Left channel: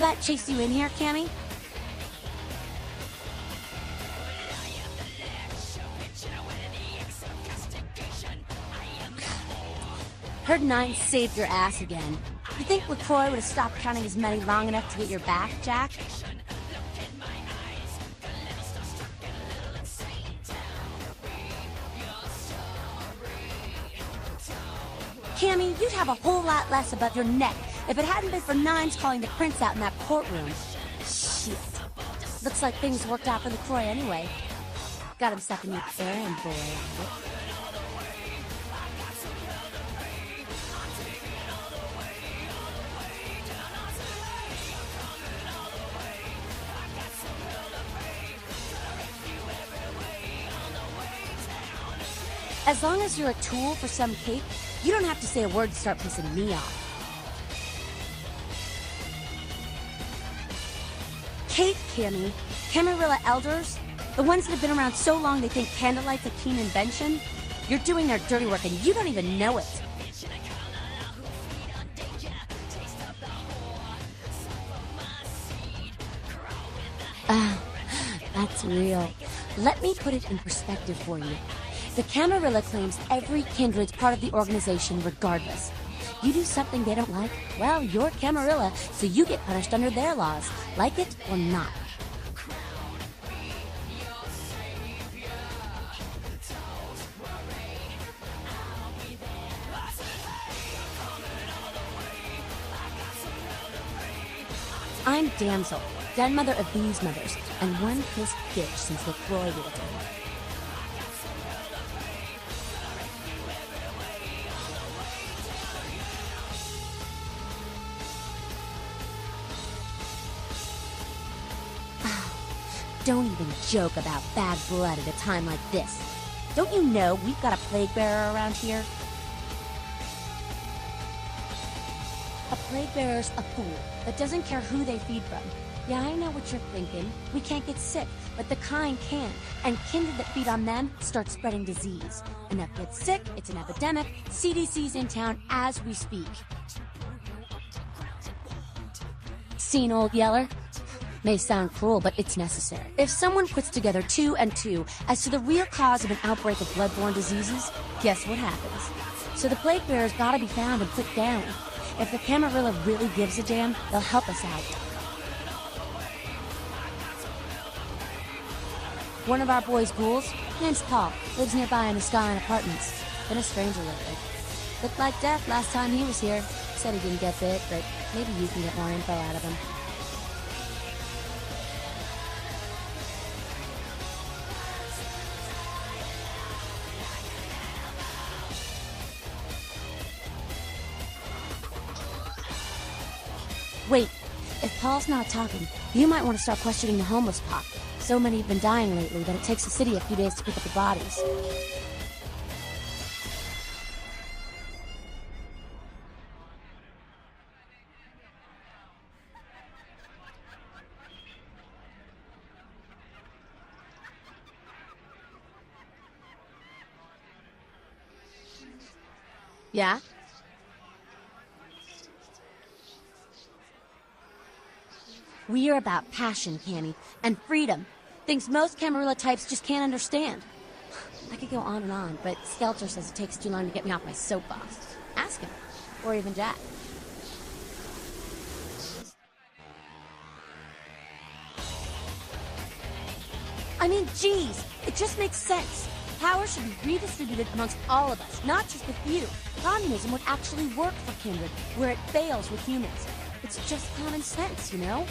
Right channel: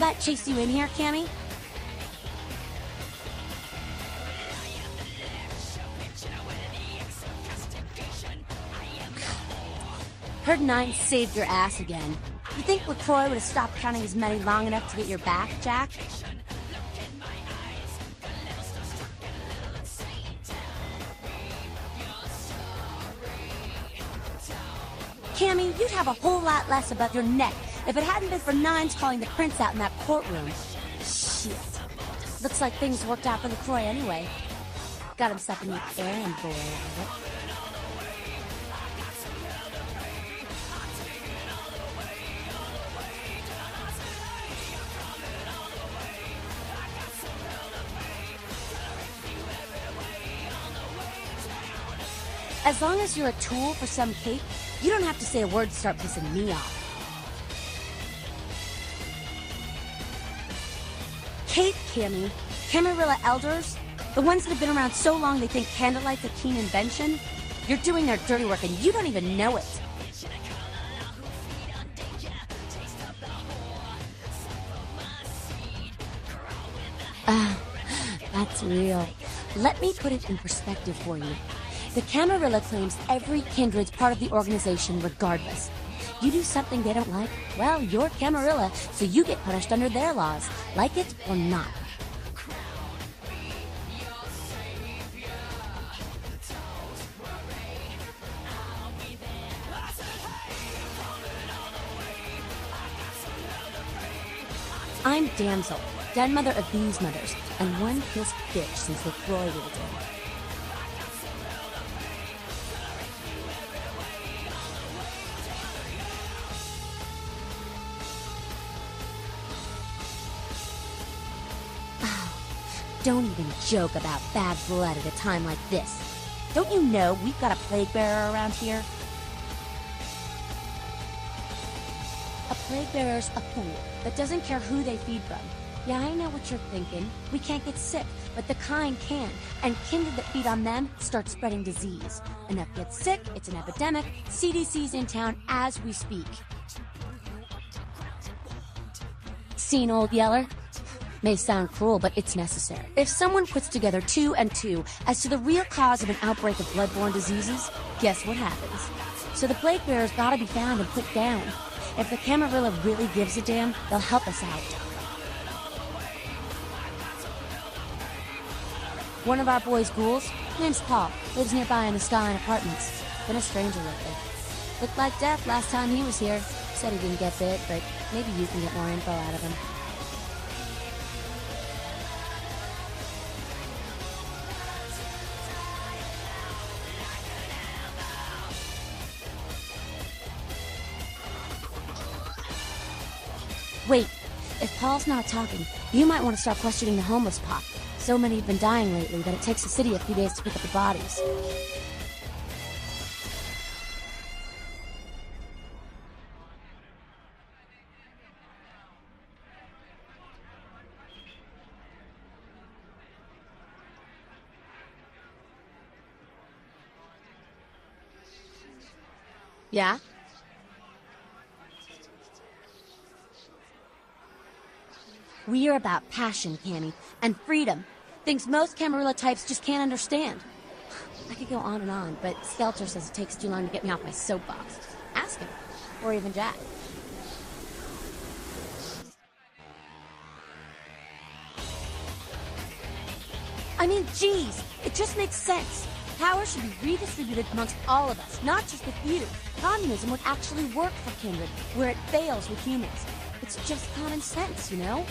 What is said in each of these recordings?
that chase you in here, Cammy? Heard Nine saved your ass again. You think LaCroix would have stopped counting his money long enough to get your back, Jack? Cammy, you'd have a whole lot less above your neck if it hadn't been for Nines calling the prince out in that courtroom. Shit. Looks like things worked out for LaCroix anyway. Got himself a new fanboy. As long as you're a tool for some cape, you don't have to say a word to start pissing me off. Cape, Cammy. Camarilla elders? The ones that have been around so long they think candlelight's a keen invention? You're doing their dirty work and you don't even know it. That's real. Let me put it in perspective for you. The Camarilla claims every kindred's part of the organization regardless. You do something they don't like, well, you're Camarilla, so you get punished under their laws, like it or not. I'm Damsel, dead mother of these mothers, and one pissed bitch since they floated it. Don't even joke about bad blood at a time like this. Don't you know we've got a plague bearer around here? A plague bearer's a fool that doesn't care who they feed them. Yeah, I know what you're thinking. We can't get sick, but the kind can. And kindred that feed on them start spreading disease. Enough get sick, it's an epidemic. CDC's in town as we speak. Seen Old Yeller? May sound cruel, but it's necessary. If someone puts together 2 and 2 as to the real cause of an outbreak of bloodborne diseases, guess what happens? So the plague bearer's gotta be found and put down. If the Camarilla really gives a damn, they'll help us out. One of our boys' ghouls, name's Paul, lives nearby in the Skyline Apartments. Been a stranger lately. Looked like death last time he was here. Said he didn't get bit, but maybe you can get more info out of him. Wait, if Paul's not talking, you might want to start questioning the homeless pop. So many have been dying lately that it takes the city a few days to pick up the bodies. Yeah? We are about passion, Cammy, and freedom. Things most Camarilla types just can't understand. I could go on, but Skelter says it takes too long to get me off my soapbox. Ask him. Or even Jack. I mean, geez, it just makes sense. Power should be redistributed amongst all of us, not just the few. Communism would actually work for Kingdom, where it fails with humans. It's just common sense, you know?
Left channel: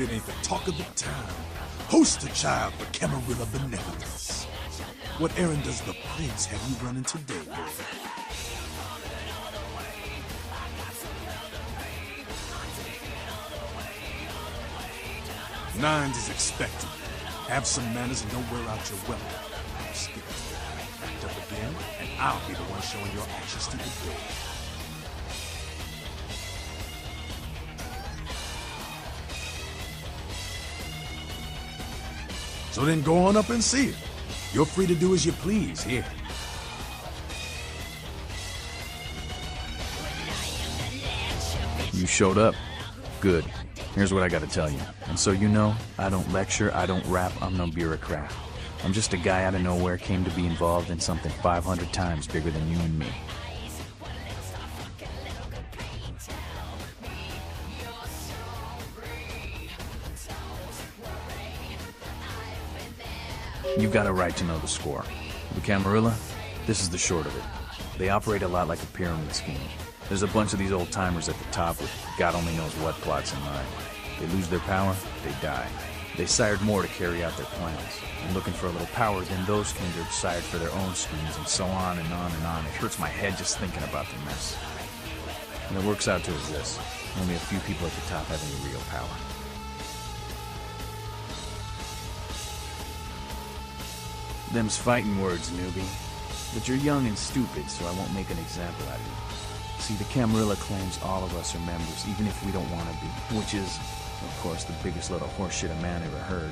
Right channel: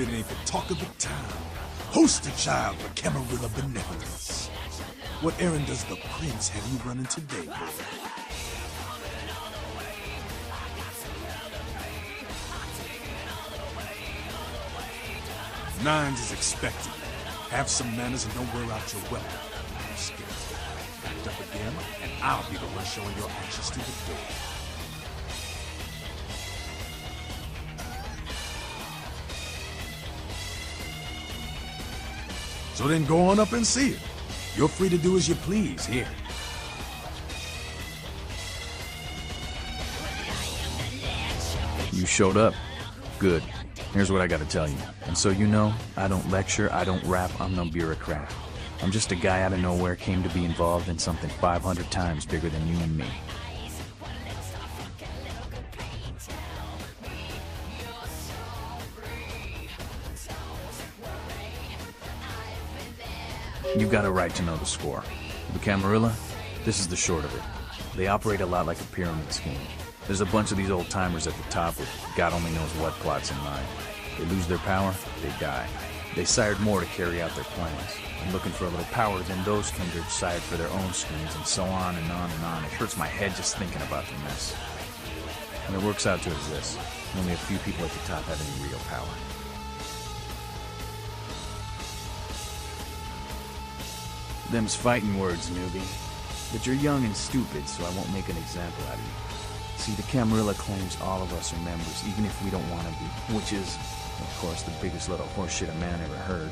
If it ain't the talk of the town, host the child with Camarilla benevolence. What errand does the prince have you running today? Nines is expected. Absent manners and don't wear out your weapon. I'm scared. But again, and I'll be the one showing your actions to your face. So then go on up and see it. You're free to do as you please here. You showed up? Good. Here's what I gotta tell you. And so you know, I don't lecture, I don't rap, I'm no bureaucrat. I'm just a guy out of nowhere came to be involved in something 500 times bigger than you and me. You got a right to know the score. The Camarilla, this is the short of it. They operate a lot like a pyramid scheme. There's a bunch of these old-timers at the top with God only knows what plots in mind. They lose their power, they die. They sired more to carry out their plans. And looking for a little power, then those kindred sired for their own strings, and so on and on and on. It hurts my head just thinking about the mess. And it works out to this. Only a few people at the top have any real power. Them's fighting words, newbie. But you're young and stupid, so I won't make an example out of you. See, the Camarilla claims all of us are members, even if we don't want to be. Which is, of course, the biggest load of horseshit a man ever heard.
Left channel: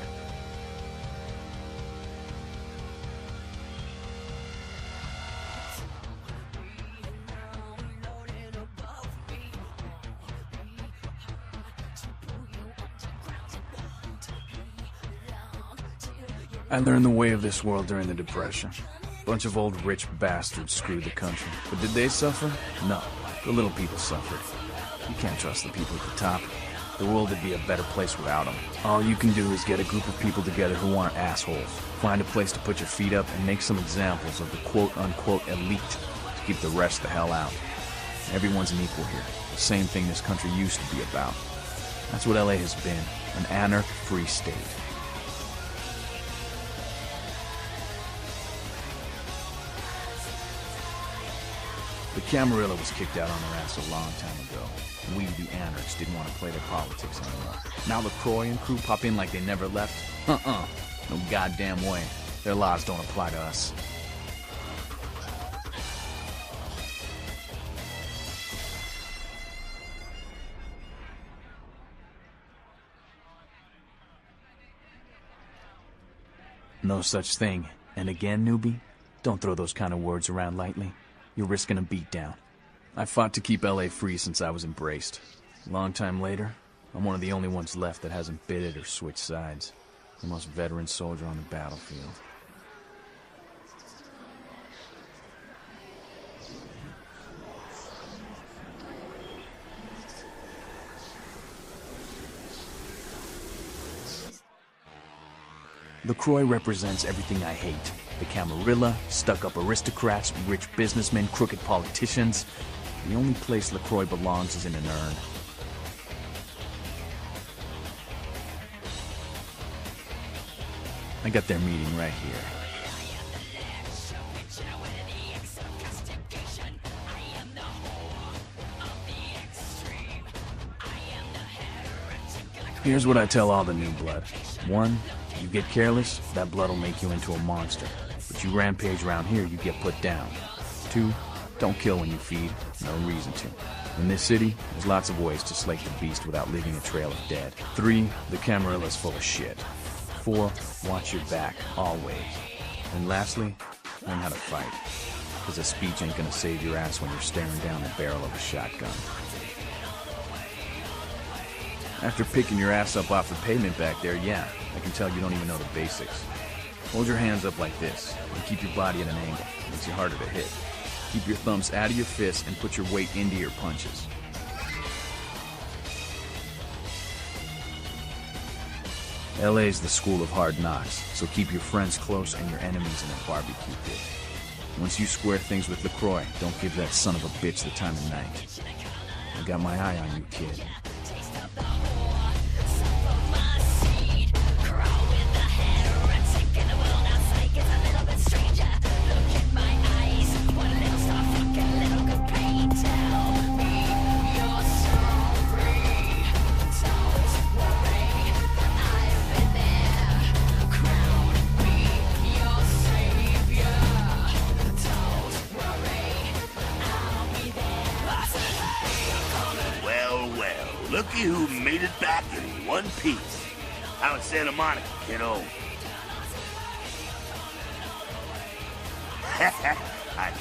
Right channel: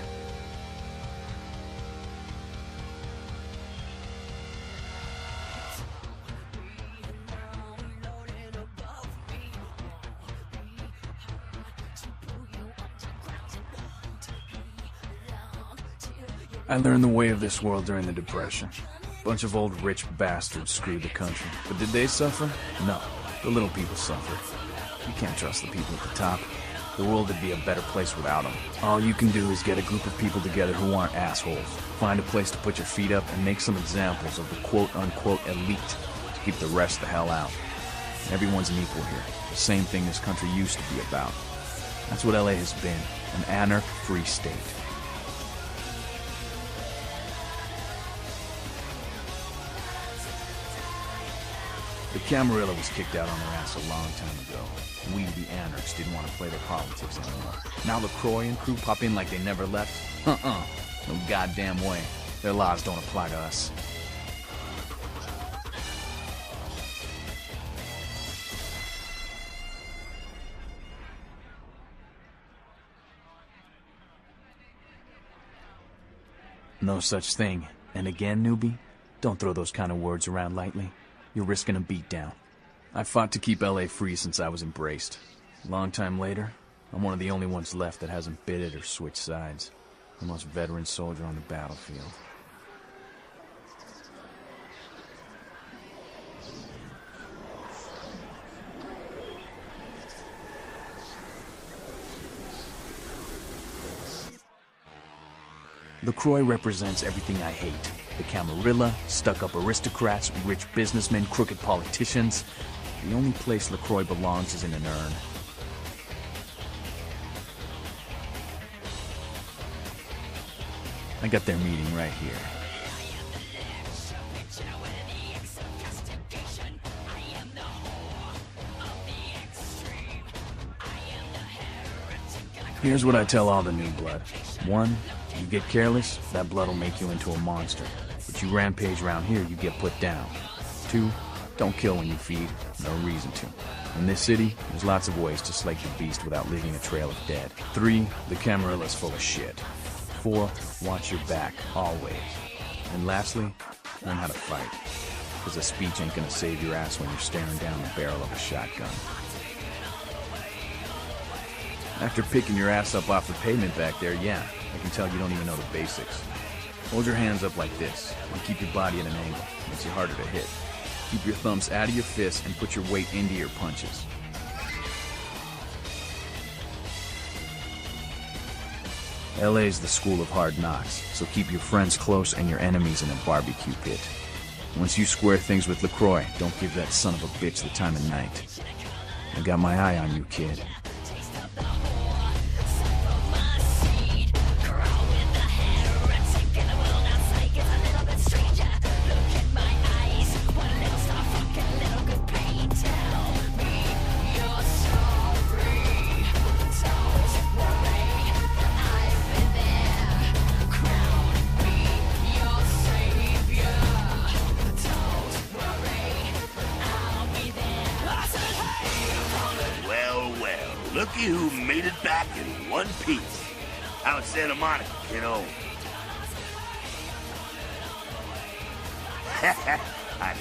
I learned the way of this world during the Depression. Bunch of old rich bastards screwed the country. But did they suffer? No. The little people suffered. You can't trust the people at the top. The world would be a better place without them. All you can do is get a group of people together who aren't assholes. Find a place to put your feet up and make some examples of the quote-unquote elite to keep the rest the hell out. Everyone's an equal here. The same thing this country used to be about. That's what LA has been. An anarch-free state. The Camarilla was kicked out on their ass a long time ago. We, the anarchs, didn't want to play their politics anymore. Now the Croy and crew pop in like they never left? No goddamn way. Their laws don't apply to us. No such thing. And again, newbie, don't throw those kind of words around lightly. You're risking a beatdown. I fought to keep LA free since I was embraced. A long time later, I'm one of the only ones left that hasn't bid it or switched sides. The most veteran soldier on the battlefield. The Croy represents everything I hate. The Camarilla, stuck-up aristocrats, rich businessmen, crooked politicians. The only place the Croy belongs is in an urn. I got their meeting right here. Here's what I tell all the new blood. 1, you get careless, that blood will make you into a monster. If you rampage around here, you get put down. 2, don't kill when you feed, no reason to. In this city, there's lots of ways to slay the beast without leaving a trail of dead. 3, the Camarilla's full of shit. 4, watch your back, always. And lastly, learn how to fight. Because a speech ain't gonna save your ass when you're staring down the barrel of a shotgun. After picking your ass up off the pavement back there, yeah, I can tell you don't even know the basics. Hold your hands up like this, and keep your body at an angle. Makes you harder to hit. Keep your thumbs out of your fists and put your weight into your punches. LA's the school of hard knocks, so keep your friends close and your enemies in a barbecue pit. Once you square things with LaCroix, don't give that son of a bitch the time of night. I got my eye on you, kid.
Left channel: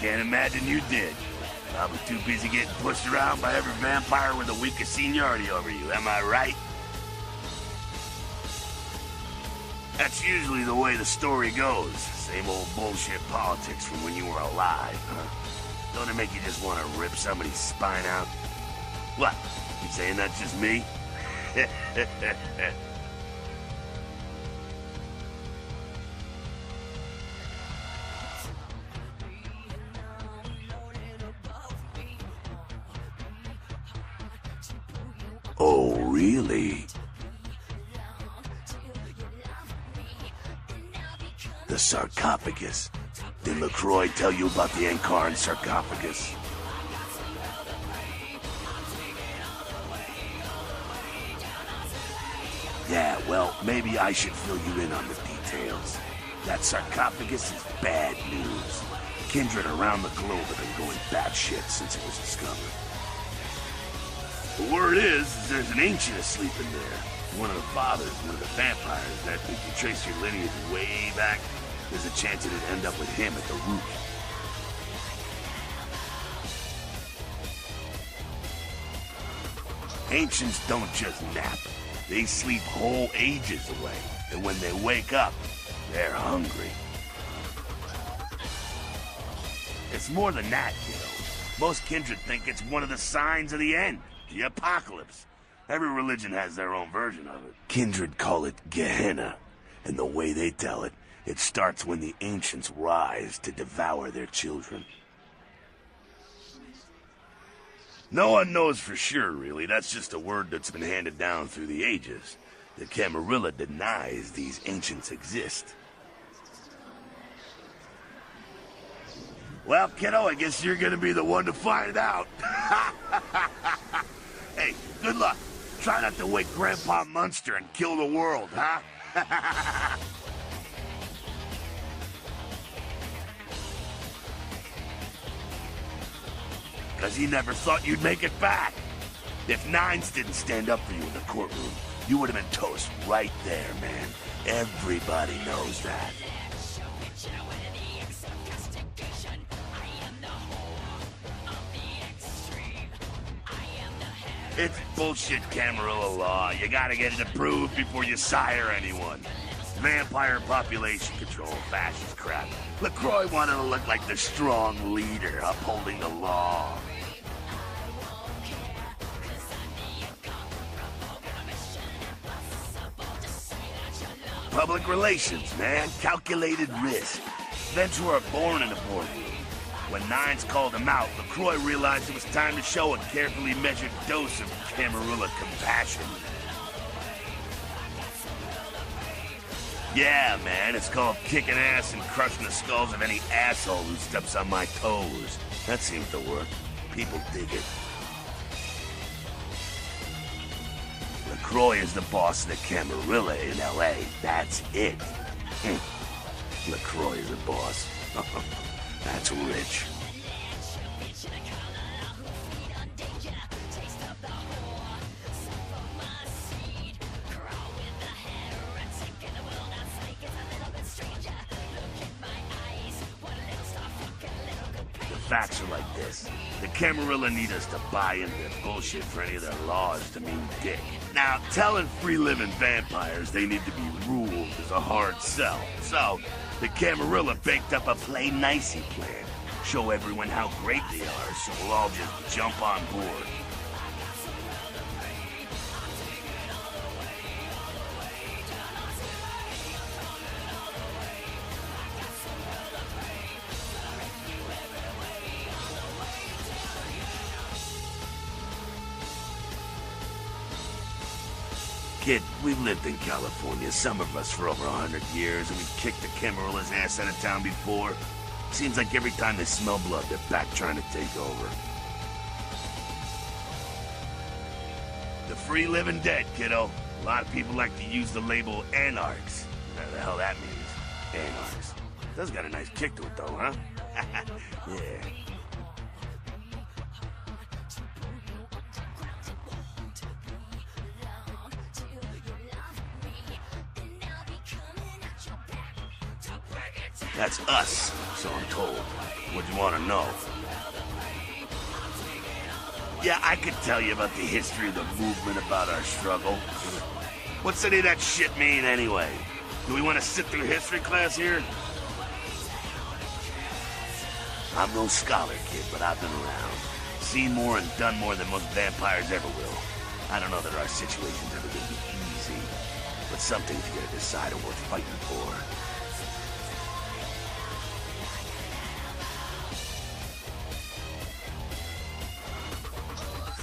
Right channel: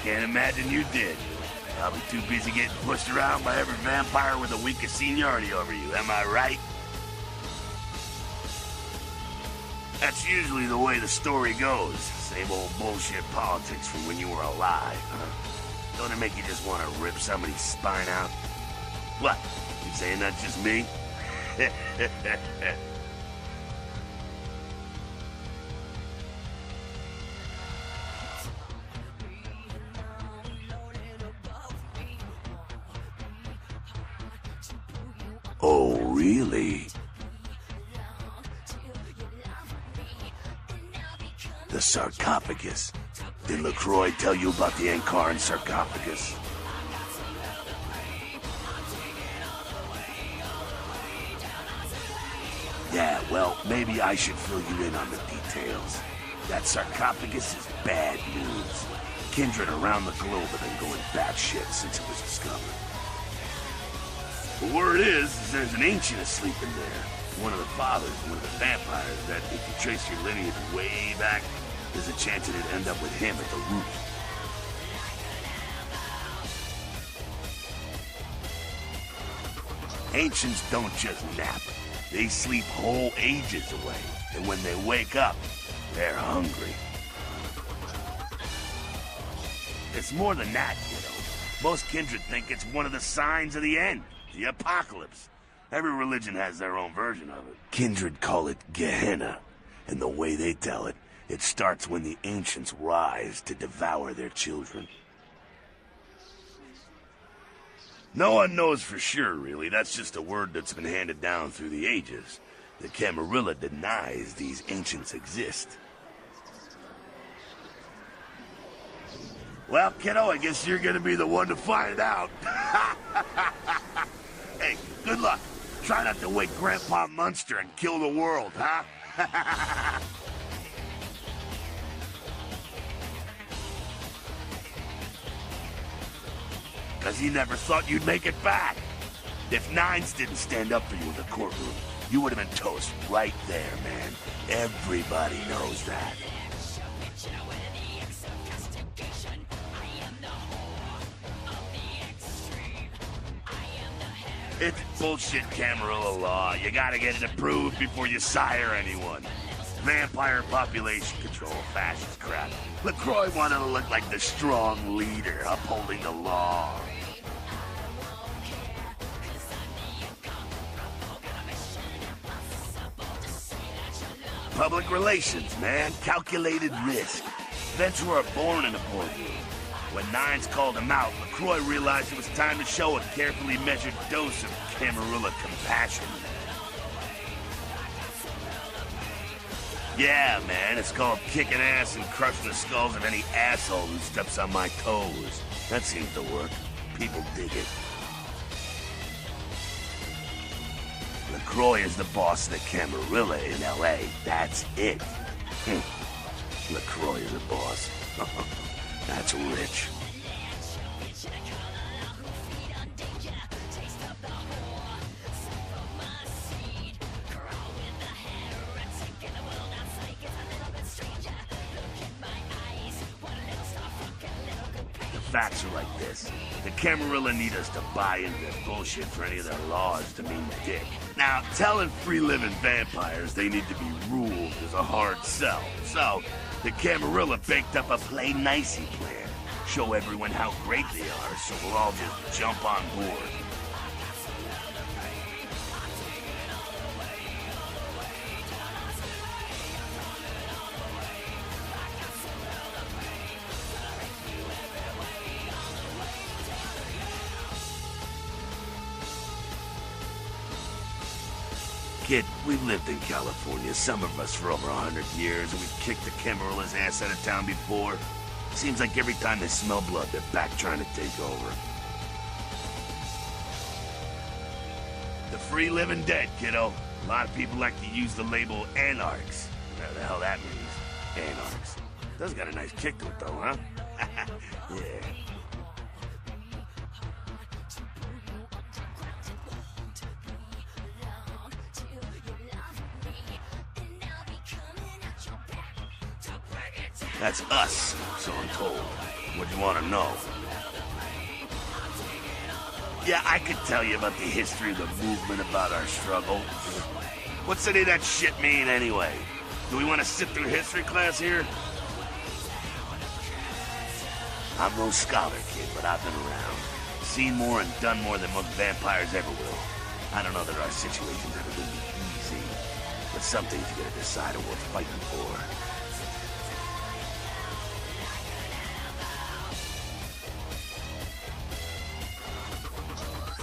can't imagine you did. I was too busy getting pushed around by every vampire with a week of seniority over you, am I right? That's usually the way the story goes. Same old bullshit politics from when you were alive, huh? Don't it make you just want to rip somebody's spine out? What? You saying that's just me? Oh, really? The sarcophagus. Did LaCroix tell you about the Encarn sarcophagus? Yeah, well, maybe I should fill you in on the details. That sarcophagus is bad news. Kindred around the globe have been going batshit since it was discovered. The word is there's an ancient asleep in there. One of the fathers of the vampires that if you trace your lineage way back, there's a chance it'd end up with him at the root. Ancients don't just nap. They sleep whole ages away. And when they wake up, they're hungry. It's more than that, you know. Most kindred think it's one of the signs of the end. The apocalypse. Every religion has their own version of it. Kindred call it Gehenna, and the way they tell it, it starts when the ancients rise to devour their children. No one knows for sure, really. That's just a word that's been handed down through the ages. The Camarilla denies these ancients exist. Well, kiddo, I guess you're gonna be the one to find out. Hey, good luck. Try not to wake Grandpa Munster and kill the world, huh? Because he never thought you'd make it back. If Nines didn't stand up for you in the courtroom, you would have been toast right there, man. Everybody knows that. It's bullshit Camarilla law. You gotta get it approved before you sire anyone. Vampire population control, fascist crap. LaCroix wanted to look like the strong leader upholding the law. Public relations, man. Calculated risk. Vets were born in a point. When Nines called him out, LaCroix realized it was time to show a carefully measured dose of Camarilla compassion. Yeah, man, it's called kicking ass and crushing the skulls of any asshole who steps on my toes. That seems to work. People dig it. LaCroix is the boss of the Camarilla in L.A. That's it. LaCroix is the boss. That's rich. Facts are like this. The Camarilla need us to buy into this bullshit for any of their laws to mean dick. Now, telling free-living vampires they need to be ruled is a hard sell. So, the Camarilla baked up a plain nicey plan. Show everyone how great they are, so we'll all just jump on board. Kid, we've lived in California, some of us for over 100 years, and we've kicked the Camarilla's ass out of town before. Seems like every time they smell blood, they're back trying to take over. The free living dead, kiddo. A lot of people like to use the label anarchs. Whatever the hell that means. Anarchs. That's got a nice kick to it, though, huh? Yeah. That's us, so I'm told. What you want to know? Yeah, I could tell you about the history of the movement, about our struggle. What's any of that shit mean, anyway? Do we want to sit through history class here? I'm no scholar, kid, but I've been around. Seen more and done more than most vampires ever will. I don't know that our situation's gonna be easy, but something's gonna decide what we're fighting for.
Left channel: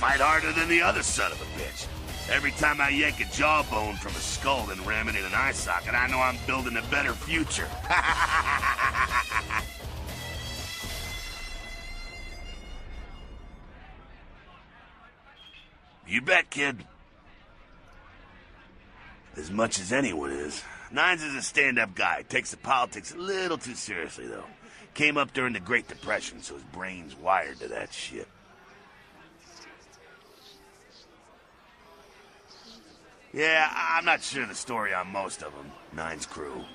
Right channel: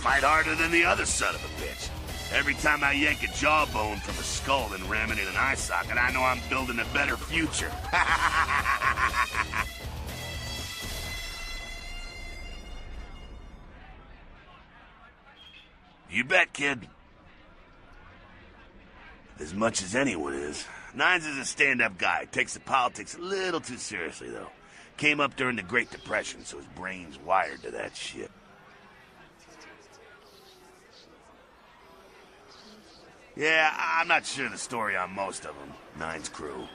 Fight harder than the other son of a bitch. Every time I yank a jawbone from a skull and ram it in an eye socket, I know I'm building a better future. You bet, kid. As much as anyone is. Nines is a stand-up guy. Takes the politics a little too seriously, though. Came up during the Great Depression, so his brain's wired to that shit. Yeah, I'm not sure the story on most of them. Nine's crew.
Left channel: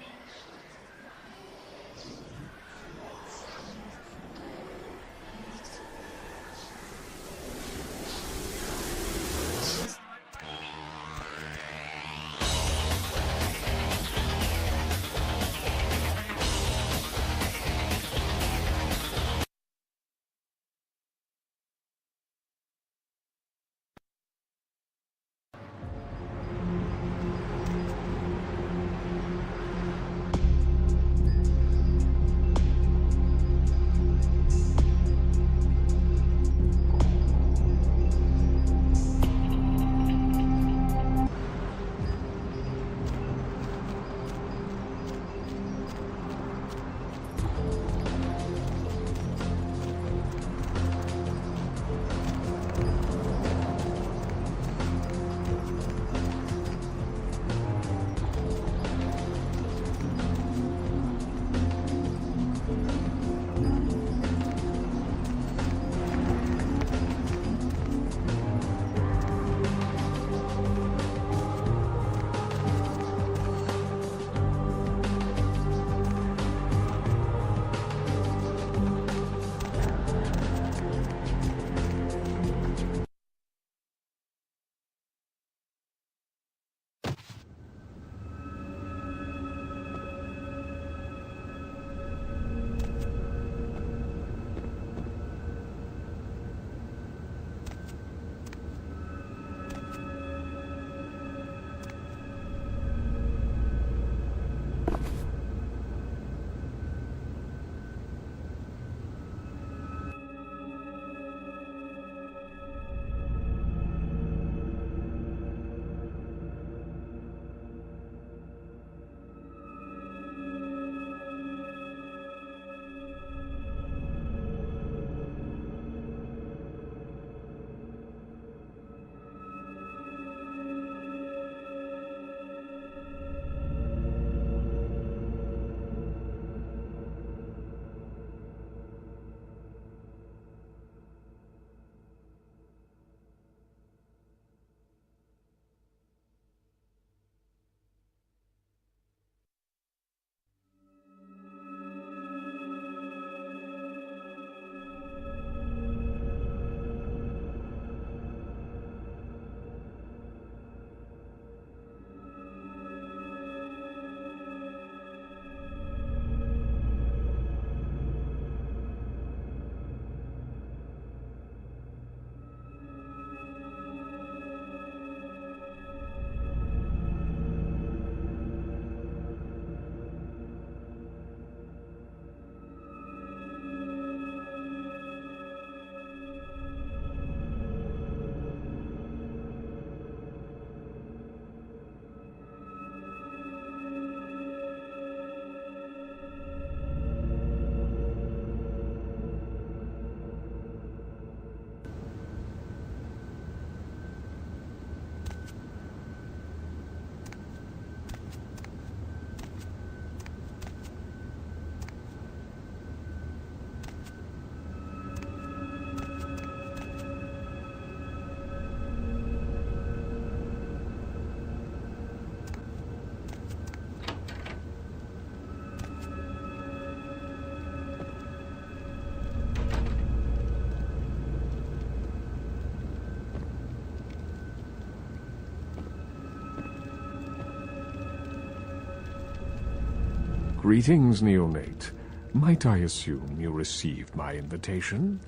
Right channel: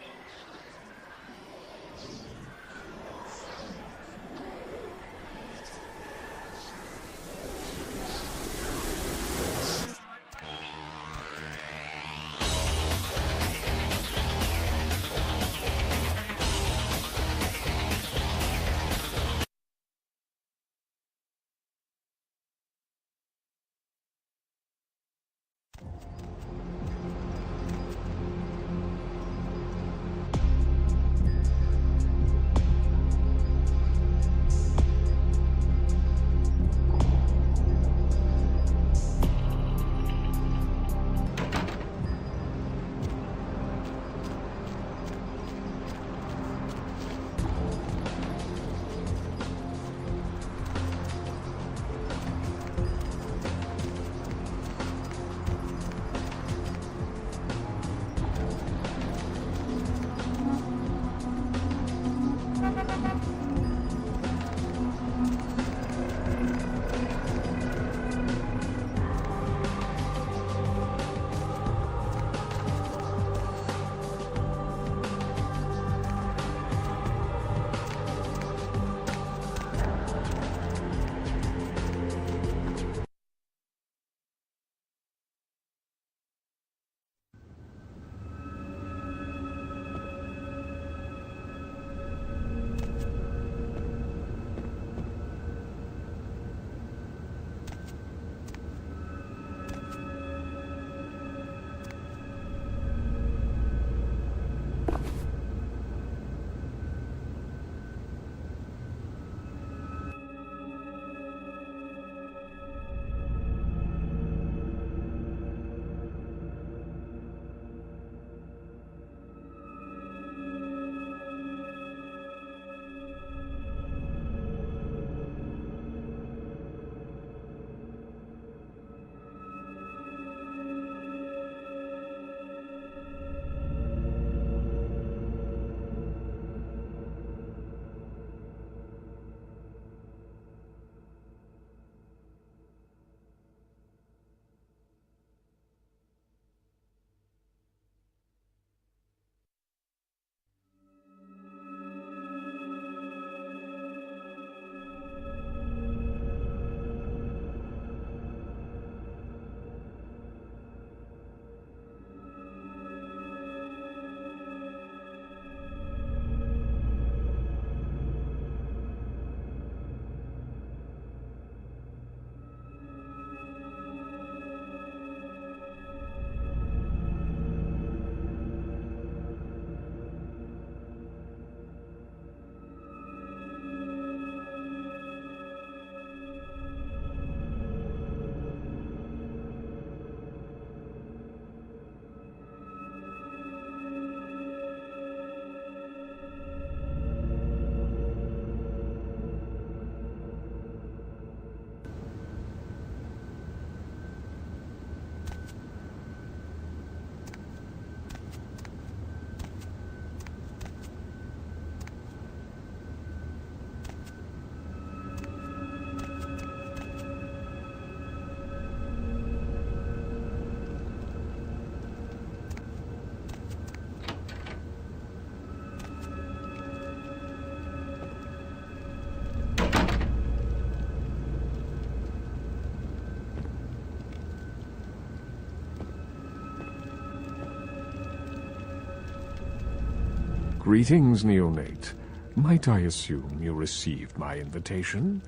Greetings, neonate. Might I assume you received my invitation?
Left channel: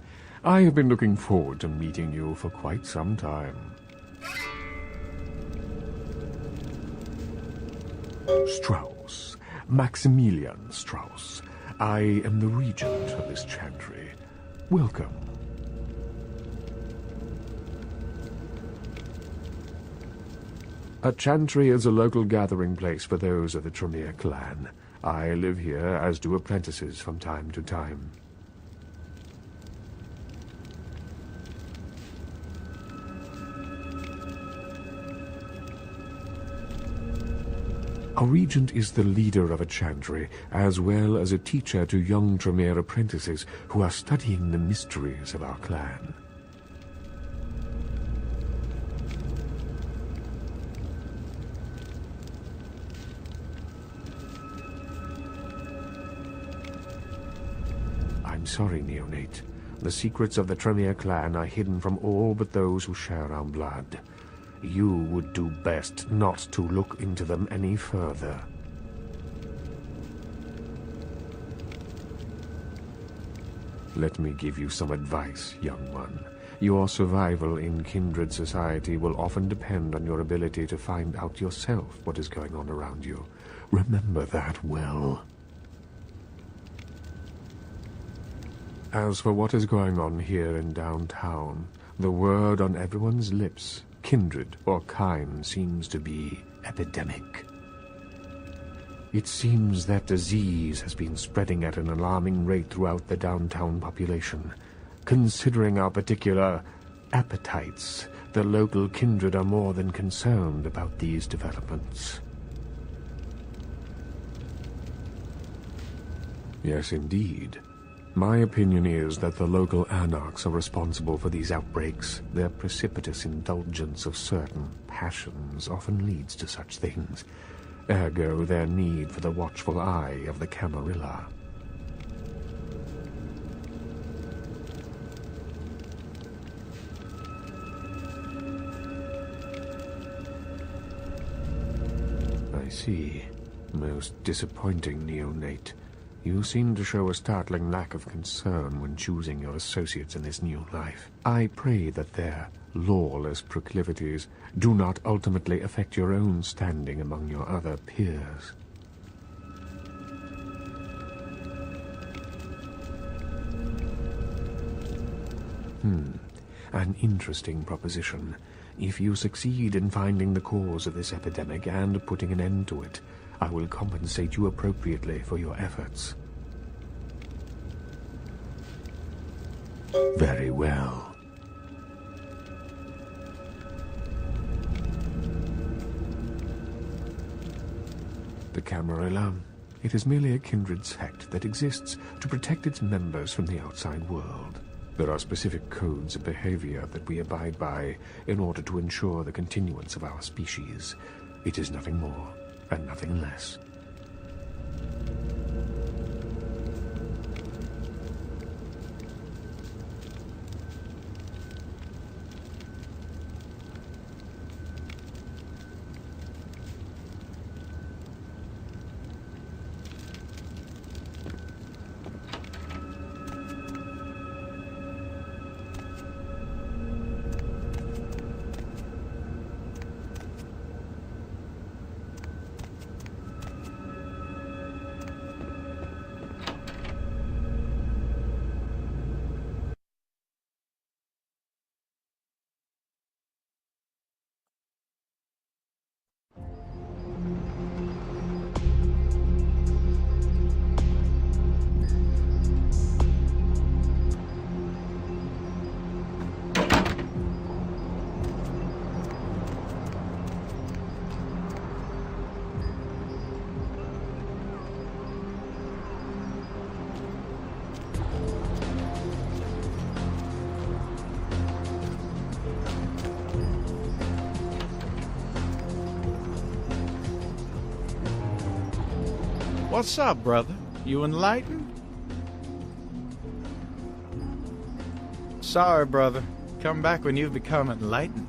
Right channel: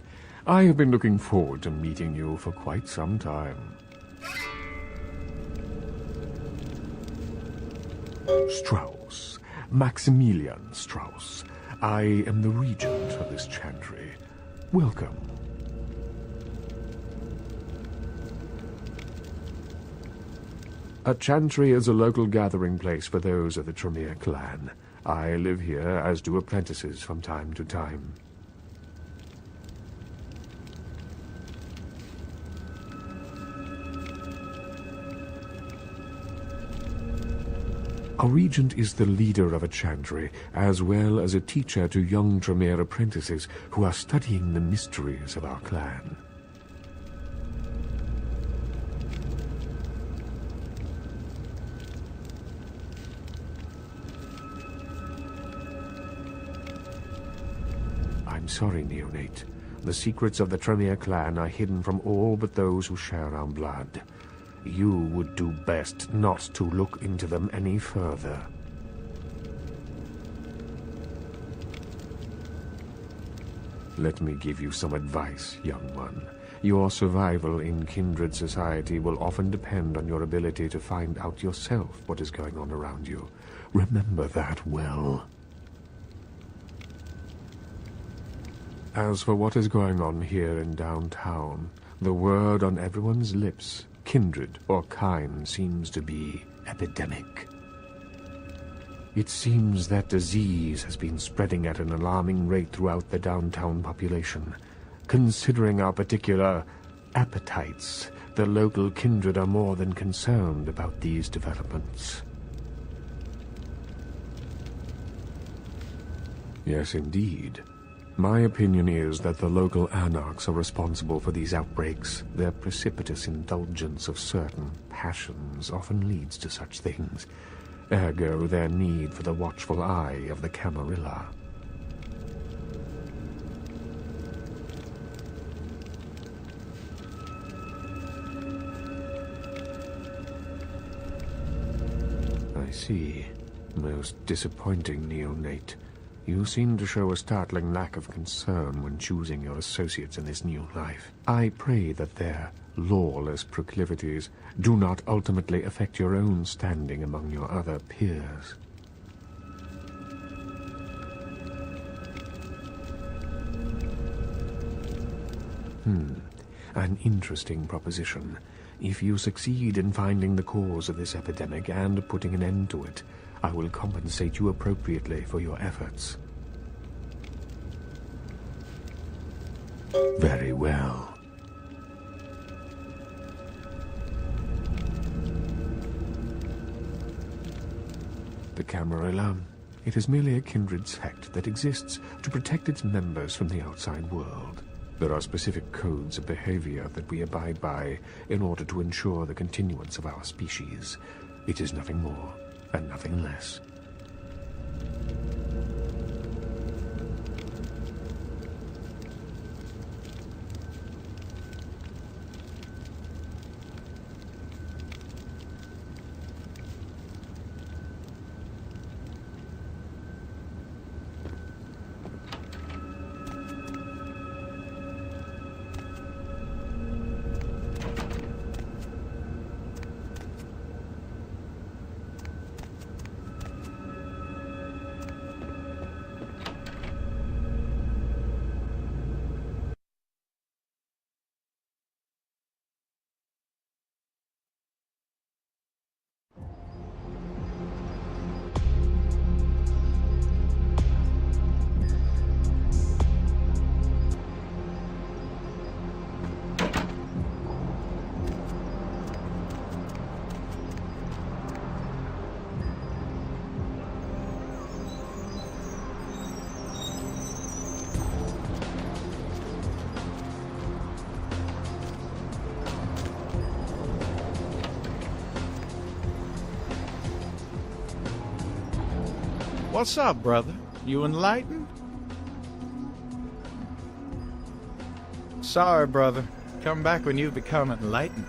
I have been looking forward to meeting you for quite some time. Strauss. Maximilian Strauss. I am the regent of this chantry. Welcome. A chantry is a local gathering place for those of the Tremere clan. I live here, as do apprentices from time to time. A regent is the leader of a chantry, as well as a teacher to young Tremere apprentices who are studying the mysteries of our clan. I'm sorry, neonate. The secrets of the Tremere clan are hidden from all but those who share our blood. You would do best not to look into them any further. Let me give you some advice, young one. Your survival in kindred society will often depend on your ability to find out yourself what is going on around you. Remember that well. As for what is going on here in downtown, the word on everyone's lips, kindred or kind, seems to be epidemic. It seems that disease has been spreading at an alarming rate throughout the downtown population. Considering our particular appetites, the local kindred are more than concerned about these developments. Yes, indeed. My opinion is that the local anarchs are responsible for these outbreaks. Their precipitous indulgence of certain passions often leads to such things. Ergo, their need for the watchful eye of the Camarilla. I see. Most disappointing, neonate. You seem to show a startling lack of concern when choosing your associates in this new life. I pray that their lawless proclivities do not ultimately affect your own standing among your other peers. An interesting proposition. If you succeed in finding the cause of this epidemic and putting an end to it, I will compensate you appropriately for your efforts. Very well. The Camarilla. It is merely a kindred sect that exists to protect its members from the outside world. There are specific codes of behavior that we abide by in order to ensure the continuance of our species. It is nothing more and nothing less. What's up, brother? You enlightened? Sorry, brother. Come back when you've become enlightened.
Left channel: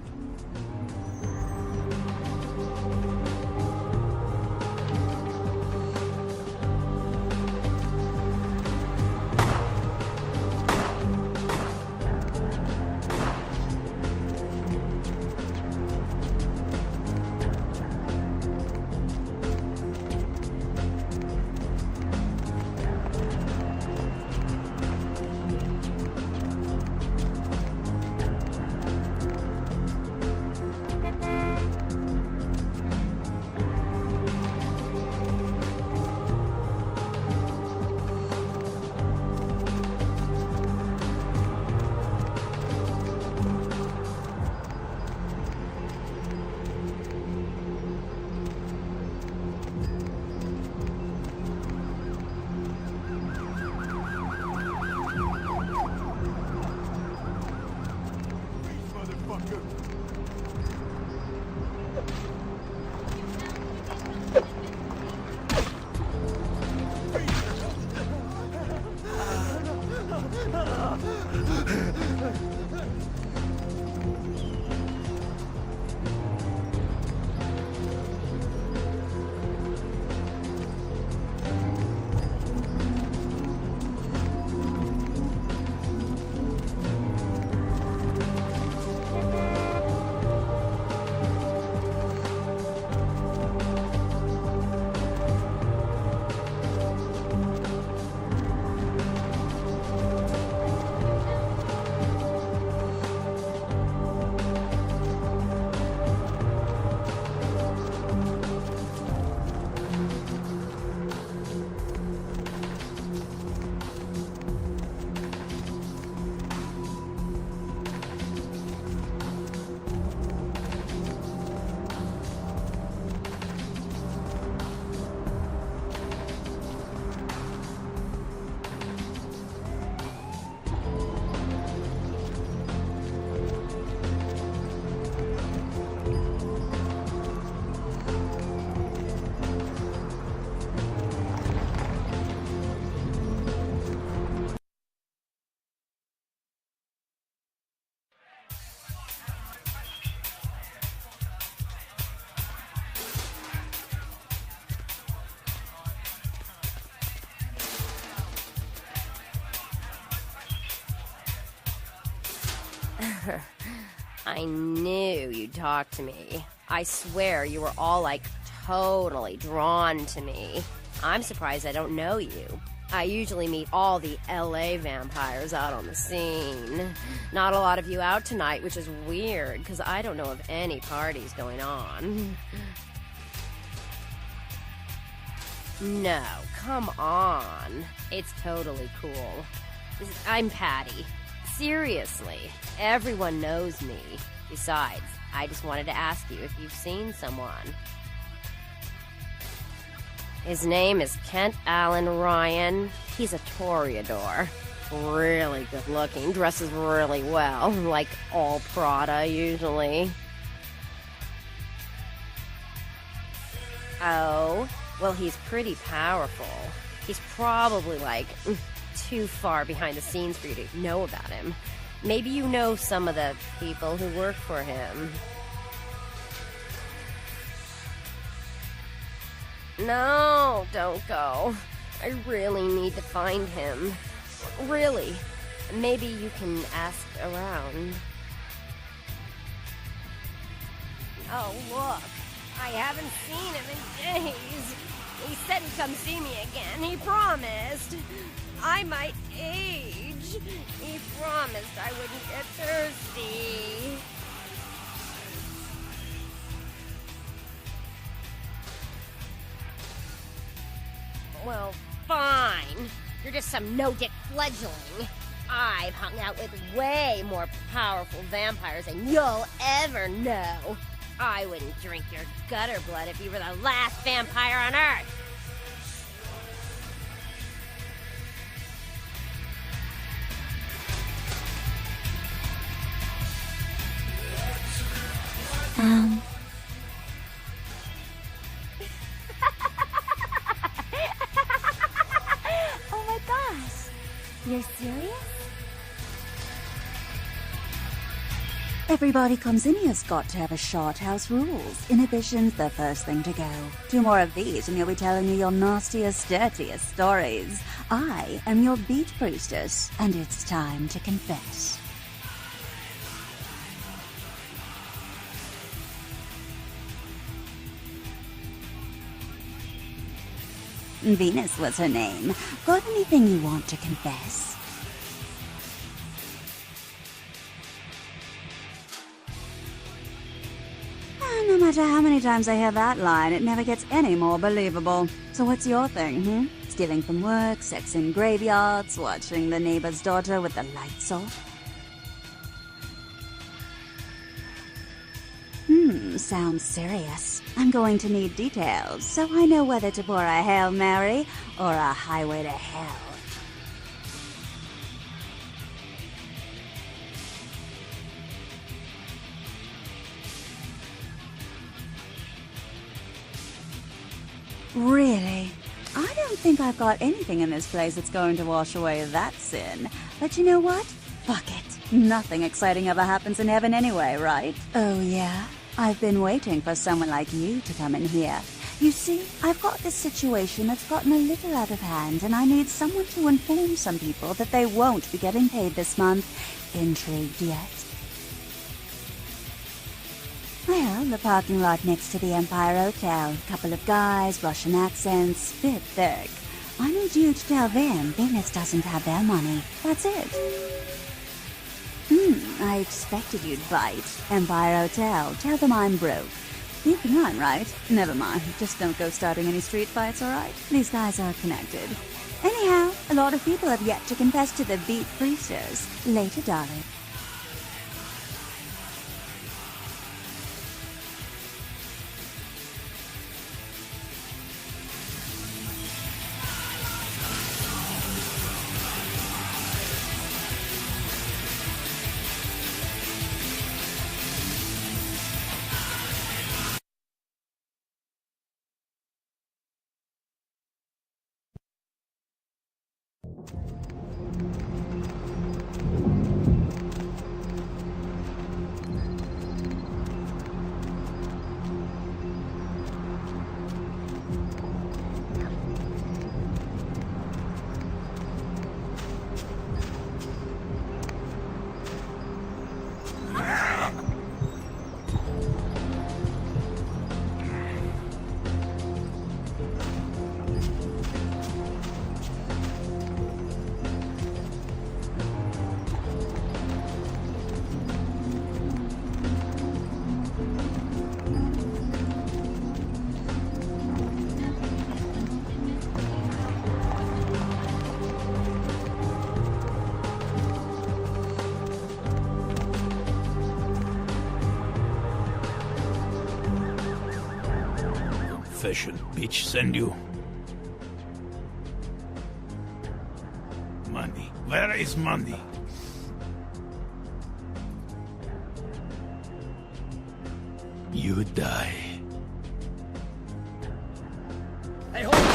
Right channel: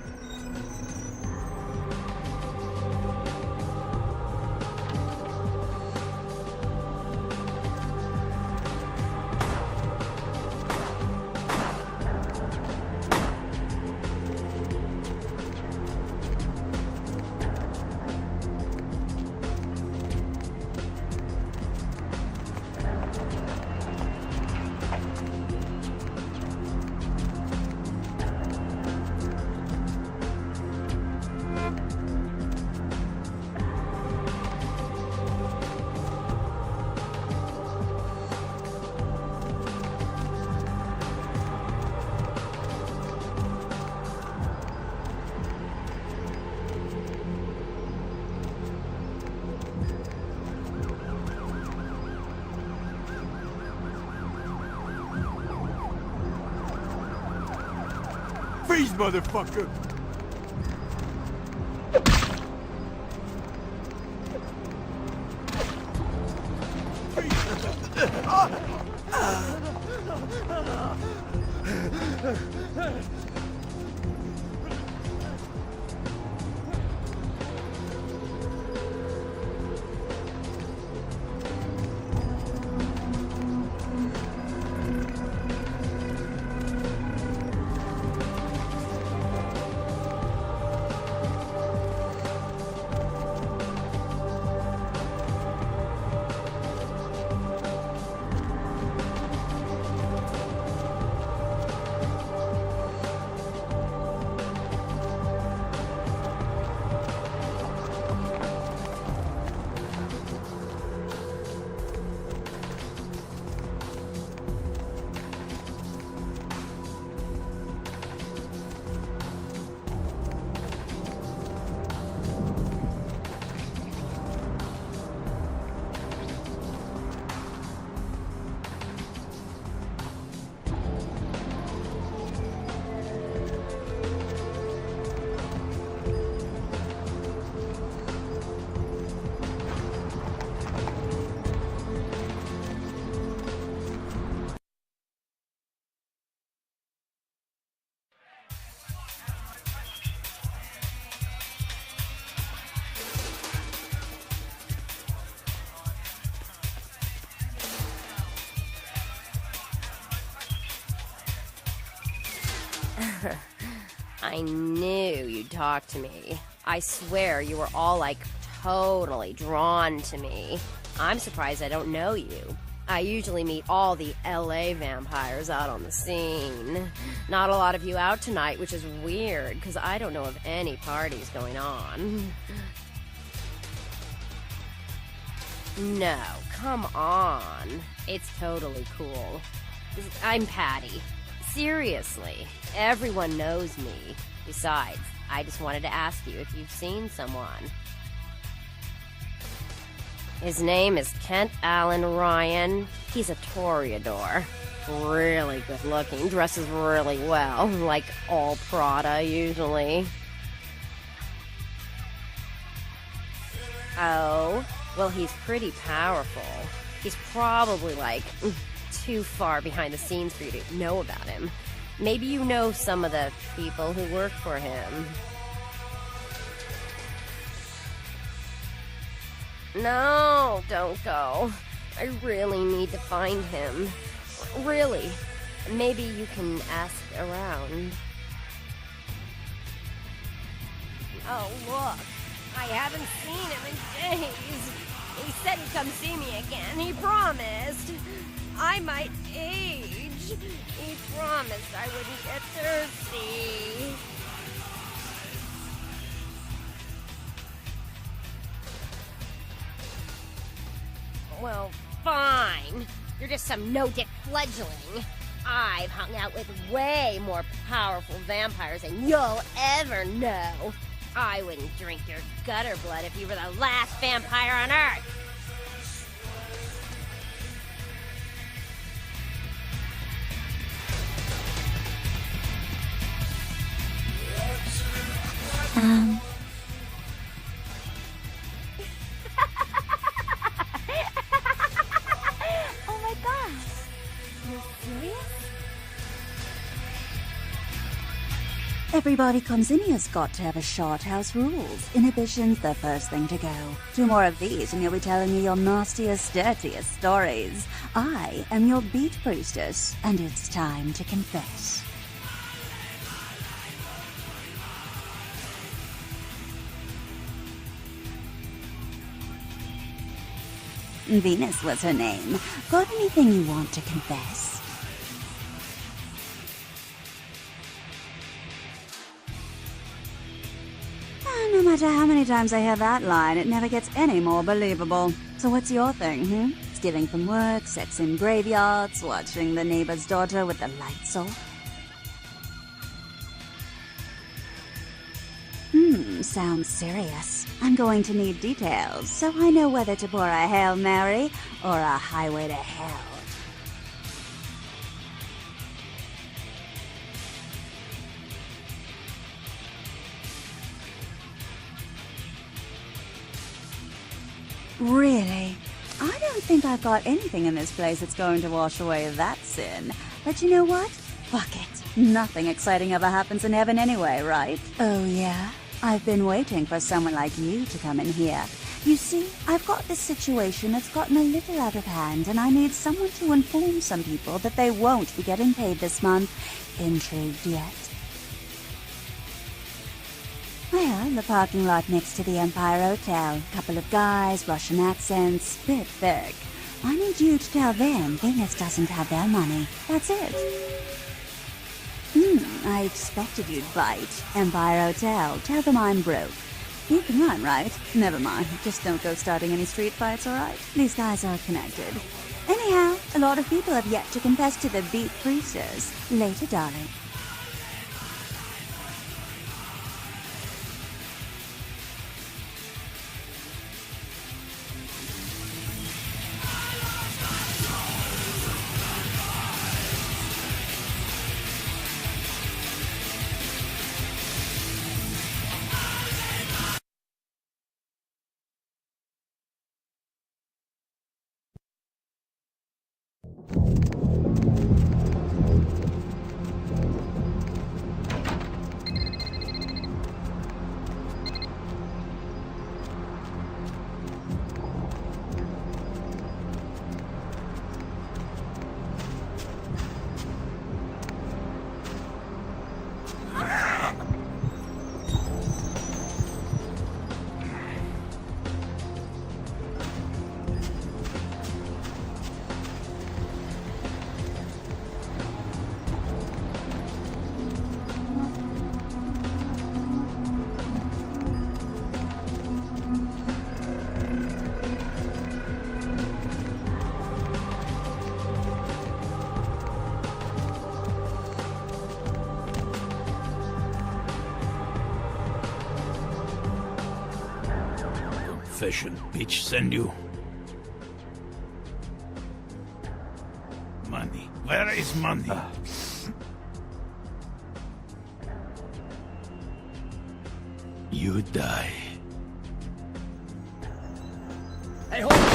Freeze, motherfucker! I knew you'd talk to me. I swear you were all, like, totally drawn to me. I'm surprised I don't know you. I usually meet all the LA vampires out on the scene. Not a lot of you out tonight, which is weird, because I don't know of any parties going on. No, come on. It's totally cool. I'm Patty. Seriously, everyone knows me. Besides, I just wanted to ask you if you've seen someone. His name is Kent Allen Ryan. He's a Toreador. Really good looking, dresses really well, like all Prada usually. Oh, well, he's pretty powerful. He's probably like too far behind the scenes for you to know about him. Maybe you know some of the people who work for him. No, don't go. I really need to find him. Really. Maybe you can ask around. Oh, look. I haven't seen him in days. He said he'd come see me again. He promised. I might age. He promised I wouldn't get thirsty. Well, fine. You're just some no-get fledgling. I've hung out with way more powerful vampires than you'll ever know. I wouldn't drink your gutter blood if you were the last vampire on Earth. Oh my gosh. You're serious? Everybody comes in this cocktail is short house rules. Inhibition, the first thing to go. 2 more of these and you'll be telling me your nastiest, dirtiest stories. I am your beat priestess, and it's time to confess. Venus was her name. Got anything you want to confess? No matter how many times I hear that line, it never gets any more believable. So what's your thing, Stealing from work, sex in graveyards, watching the neighbor's daughter with the lights off? Sounds serious. I'm going to need details, so I know whether to pour a Hail Mary or a highway to hell. Really? I don't think I've got anything in this place that's going to wash away that sin. But you know what? Fuck it. Nothing exciting ever happens in heaven anyway, right? Oh yeah? I've been waiting for someone like you to come in here. You see, I've got this situation that's gotten a little out of hand, and I need someone to inform some people that they won't be getting paid this month. Intrigued yet? Well, the parking lot next to the Empire Hotel. Couple of guys, Russian accents, bit thick. I need you to tell them Venus doesn't have their money. That's it. I expected you'd fight. Empire Hotel. Tell them I'm broke. You can run, right? Never mind. Just don't go starting any street fights, alright? These guys are connected. Anyhow, a lot of people have yet to confess to their beat priestess. Later, darling. Confession, bitch, send you. Money. Where is money? You die. Hey, hold on.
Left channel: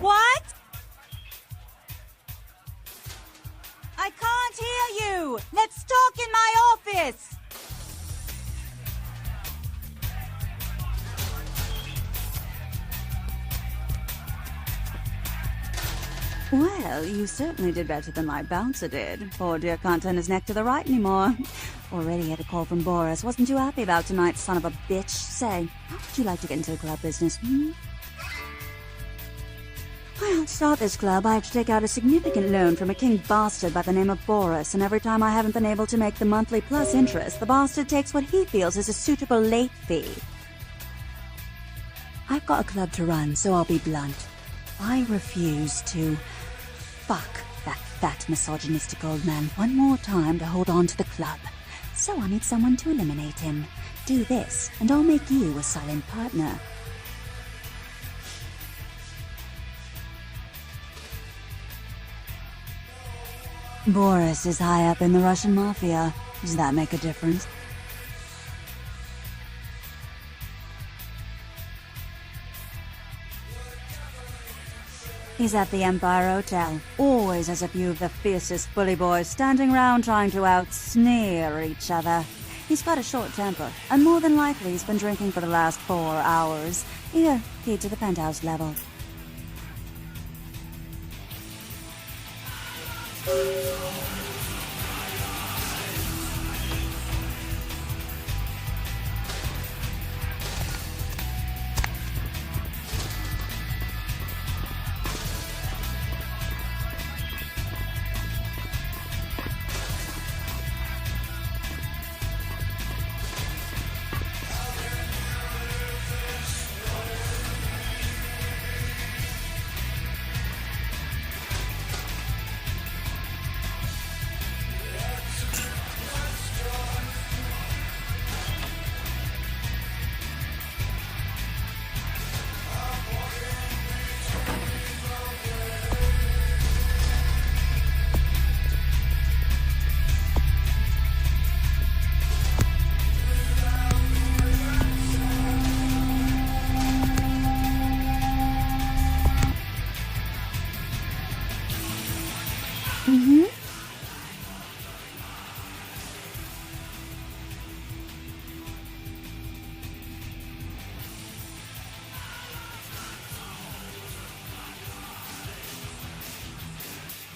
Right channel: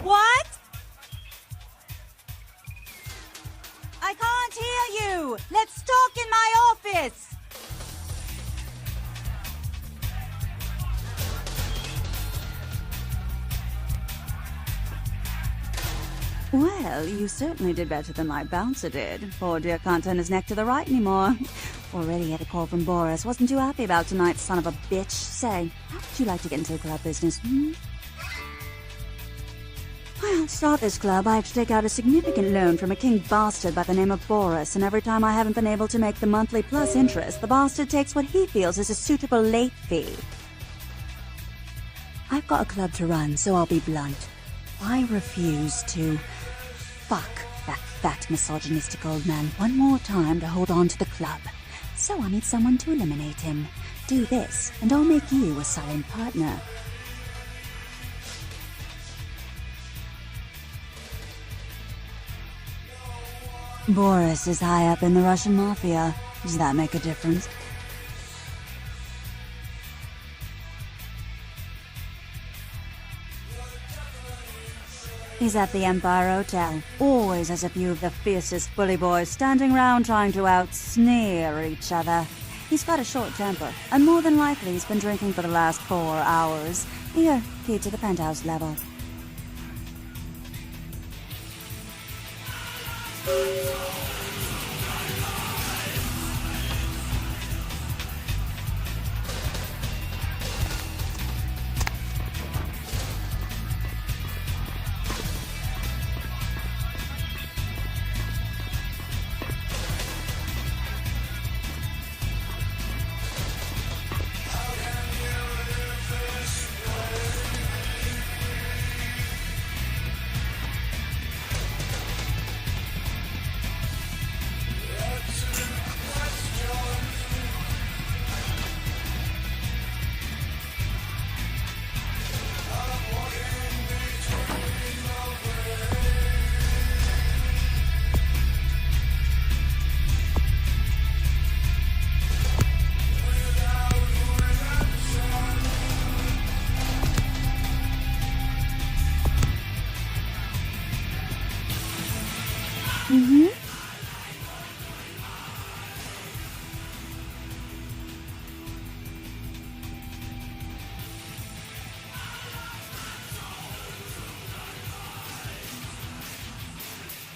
What? I can't hear you! Let's talk in my office! Well, you certainly did better than my bouncer did. Poor dear can't turn his neck to the right anymore. Already had a call from Boris. Wasn't too happy about tonight, son of a bitch. Say, how would you like to get into the club business, Well, to start this club, I have to take out a significant loan from a king bastard by the name of Boris, and every time I haven't been able to make the monthly plus interest, the bastard takes what he feels is a suitable late fee. I've got a club to run, so I'll be blunt. I refuse to fuck that fat misogynistic old man one more time to hold on to the club. So I need someone to eliminate him. Do this, and I'll make you a silent partner. Boris is high up in the Russian mafia. Does that make a difference? He's at the Empire Hotel. Always has a few of the fiercest bully boys standing around trying to out-sneer each other. He's got a short temper, and more than likely he's been drinking for the last 4 hours. Here, key to the penthouse level.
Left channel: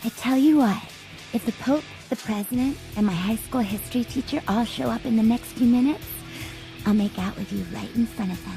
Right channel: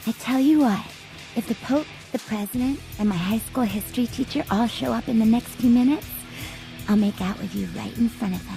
I tell you what, if the Pope, the President, and my high school history teacher all show up in the next few minutes, I'll make out with you right in front of them.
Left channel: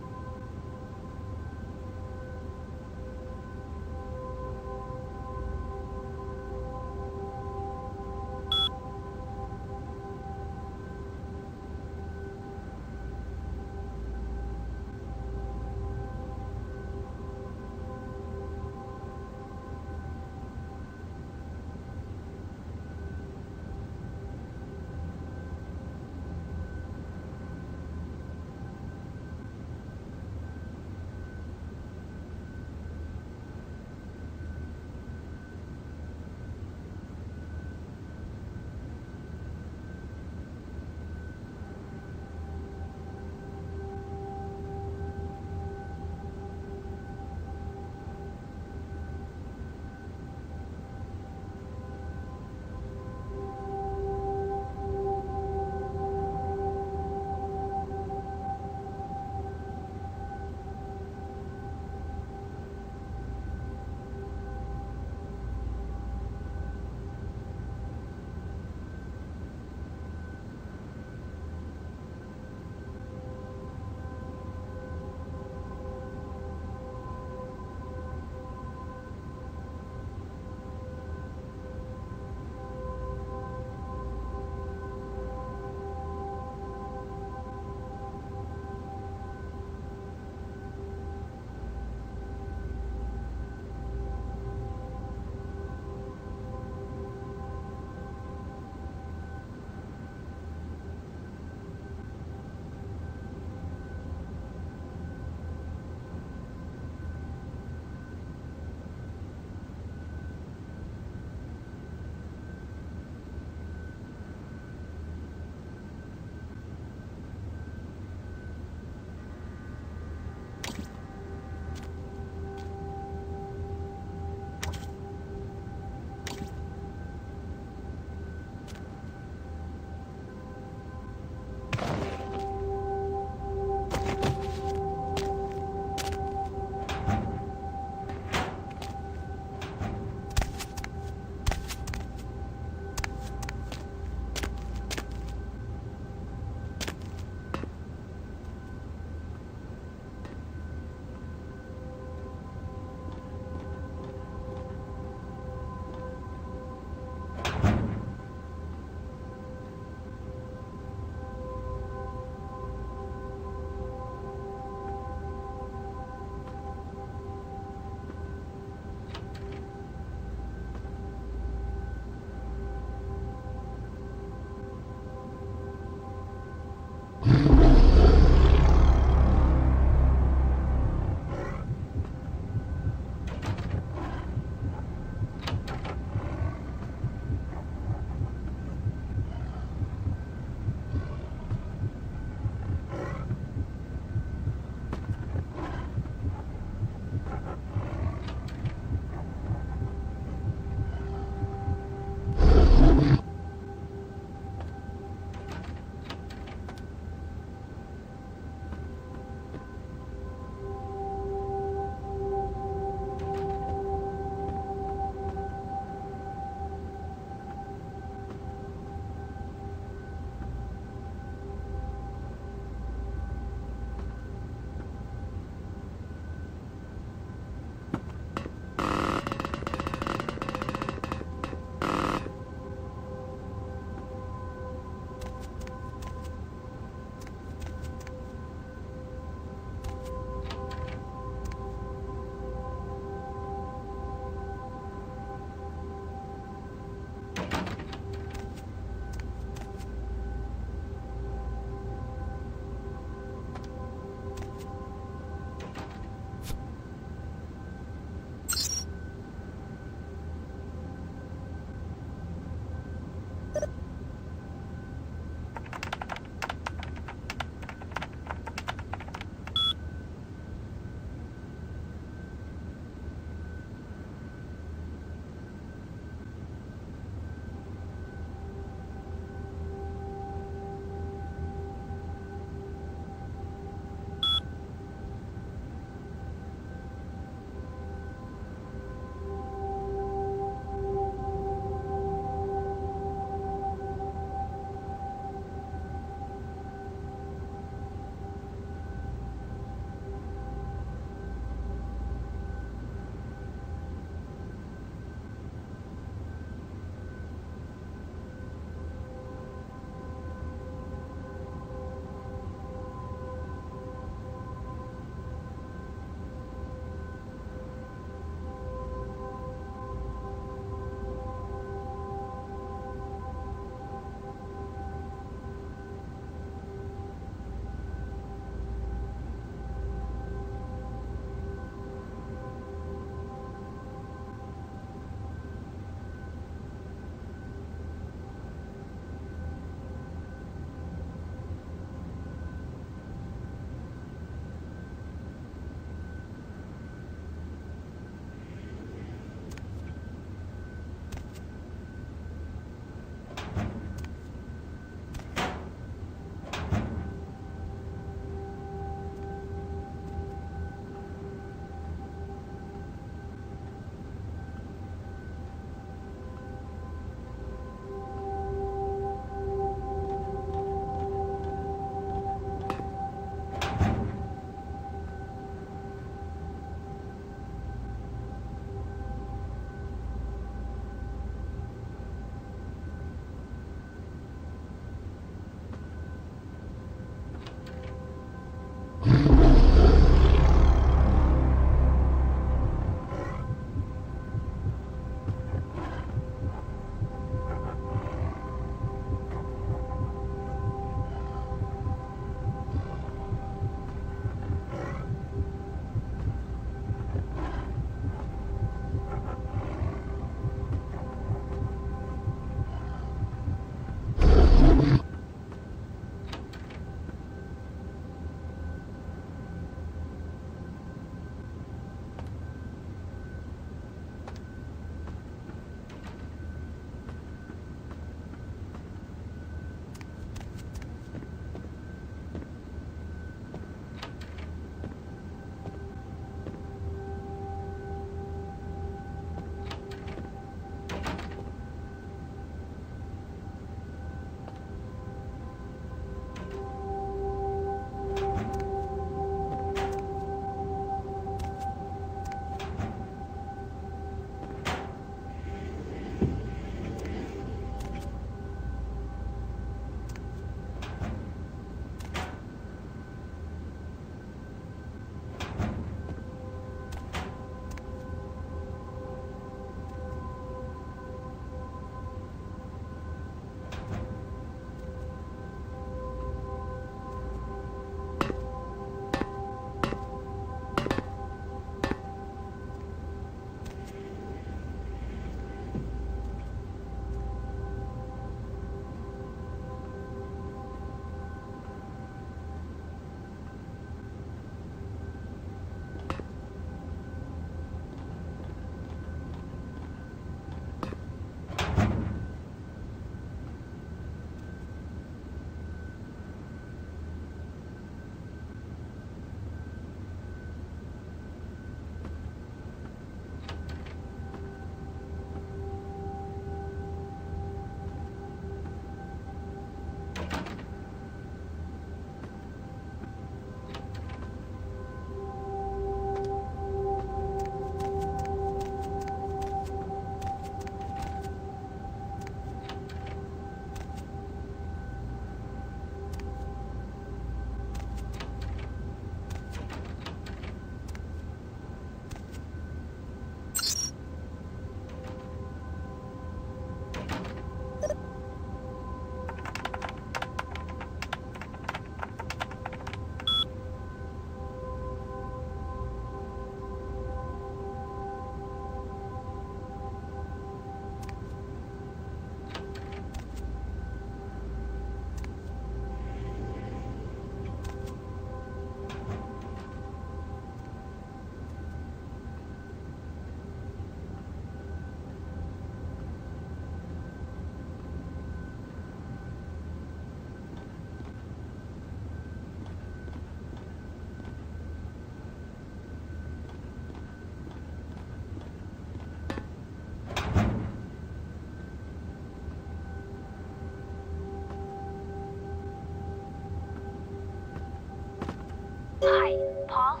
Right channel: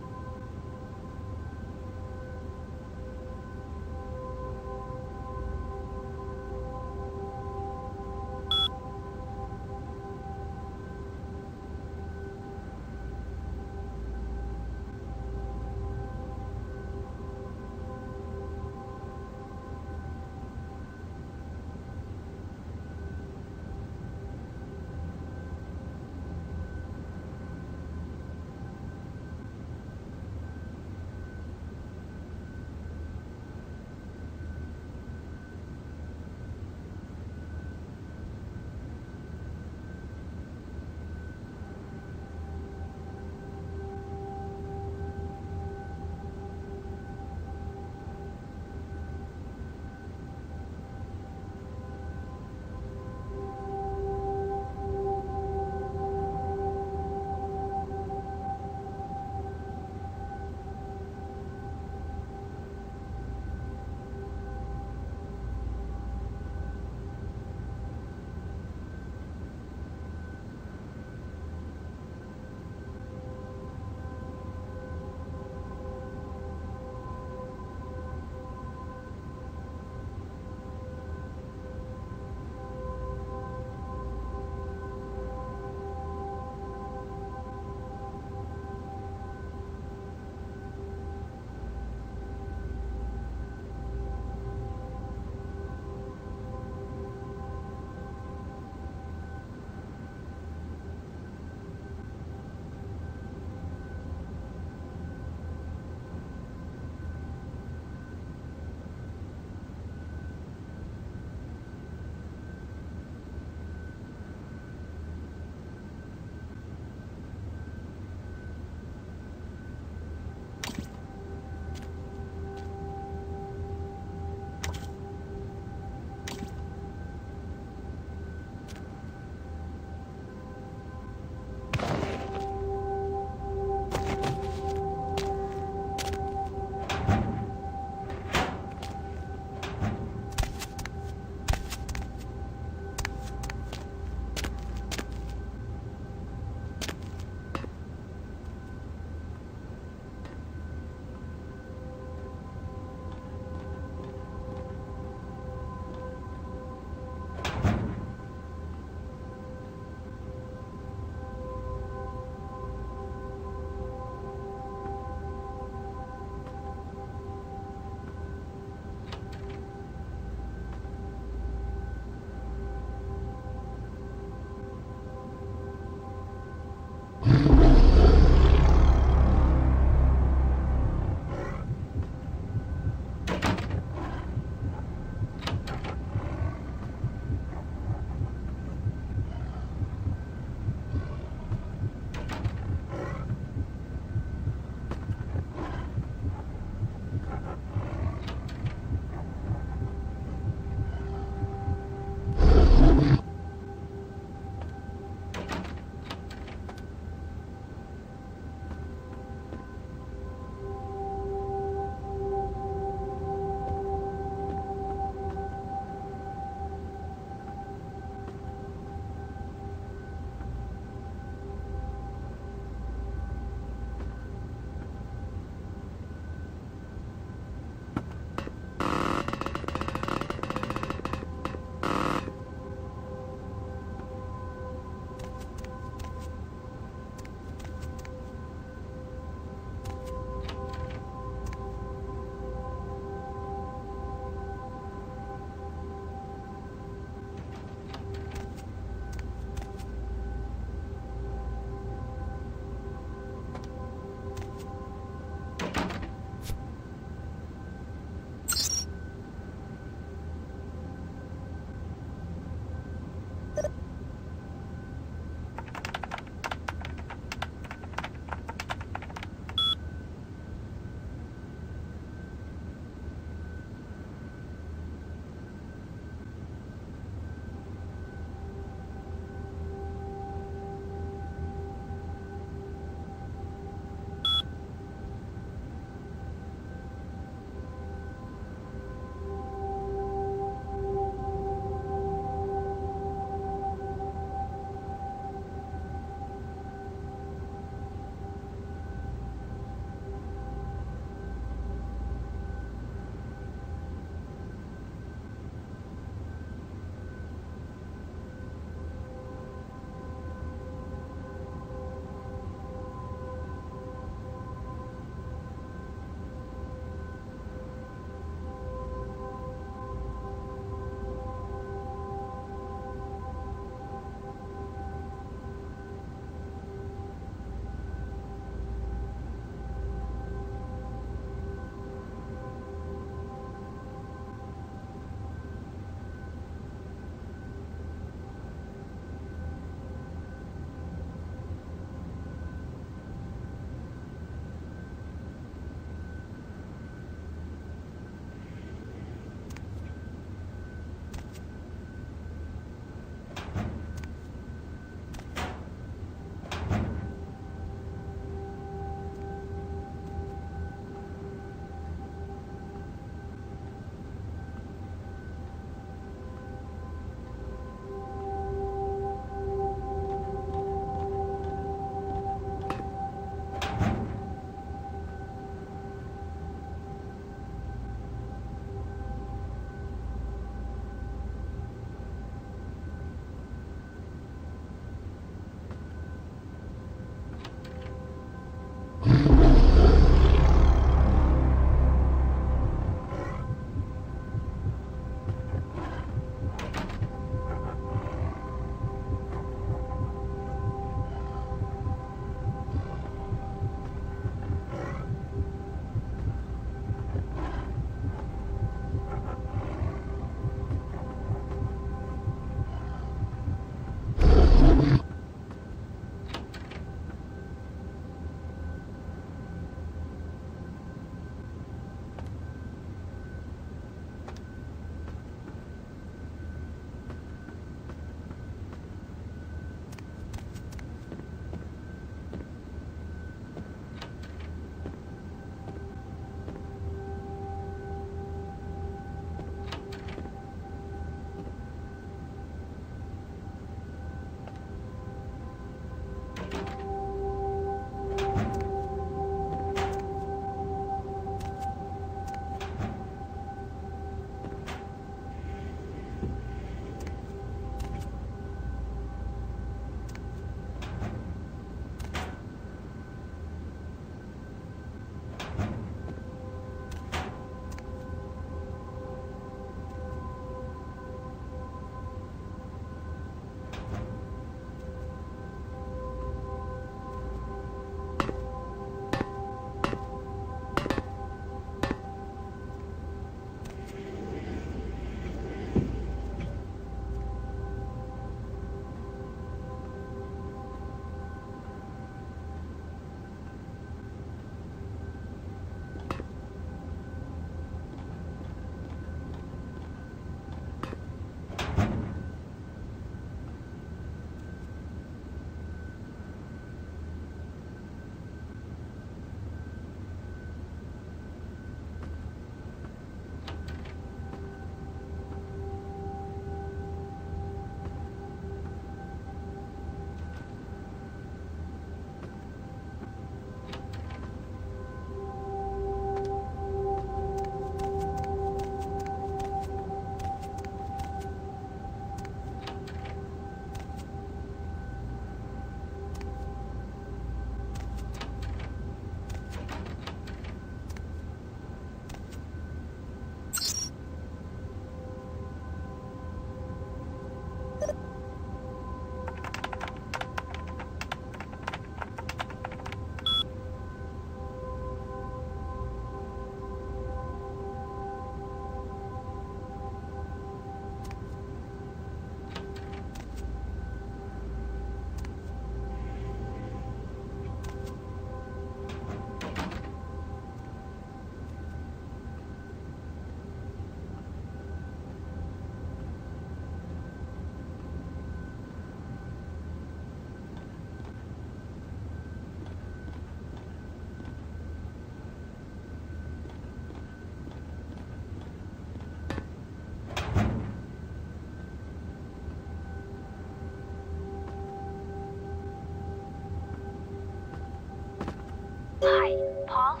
Hi, Paul.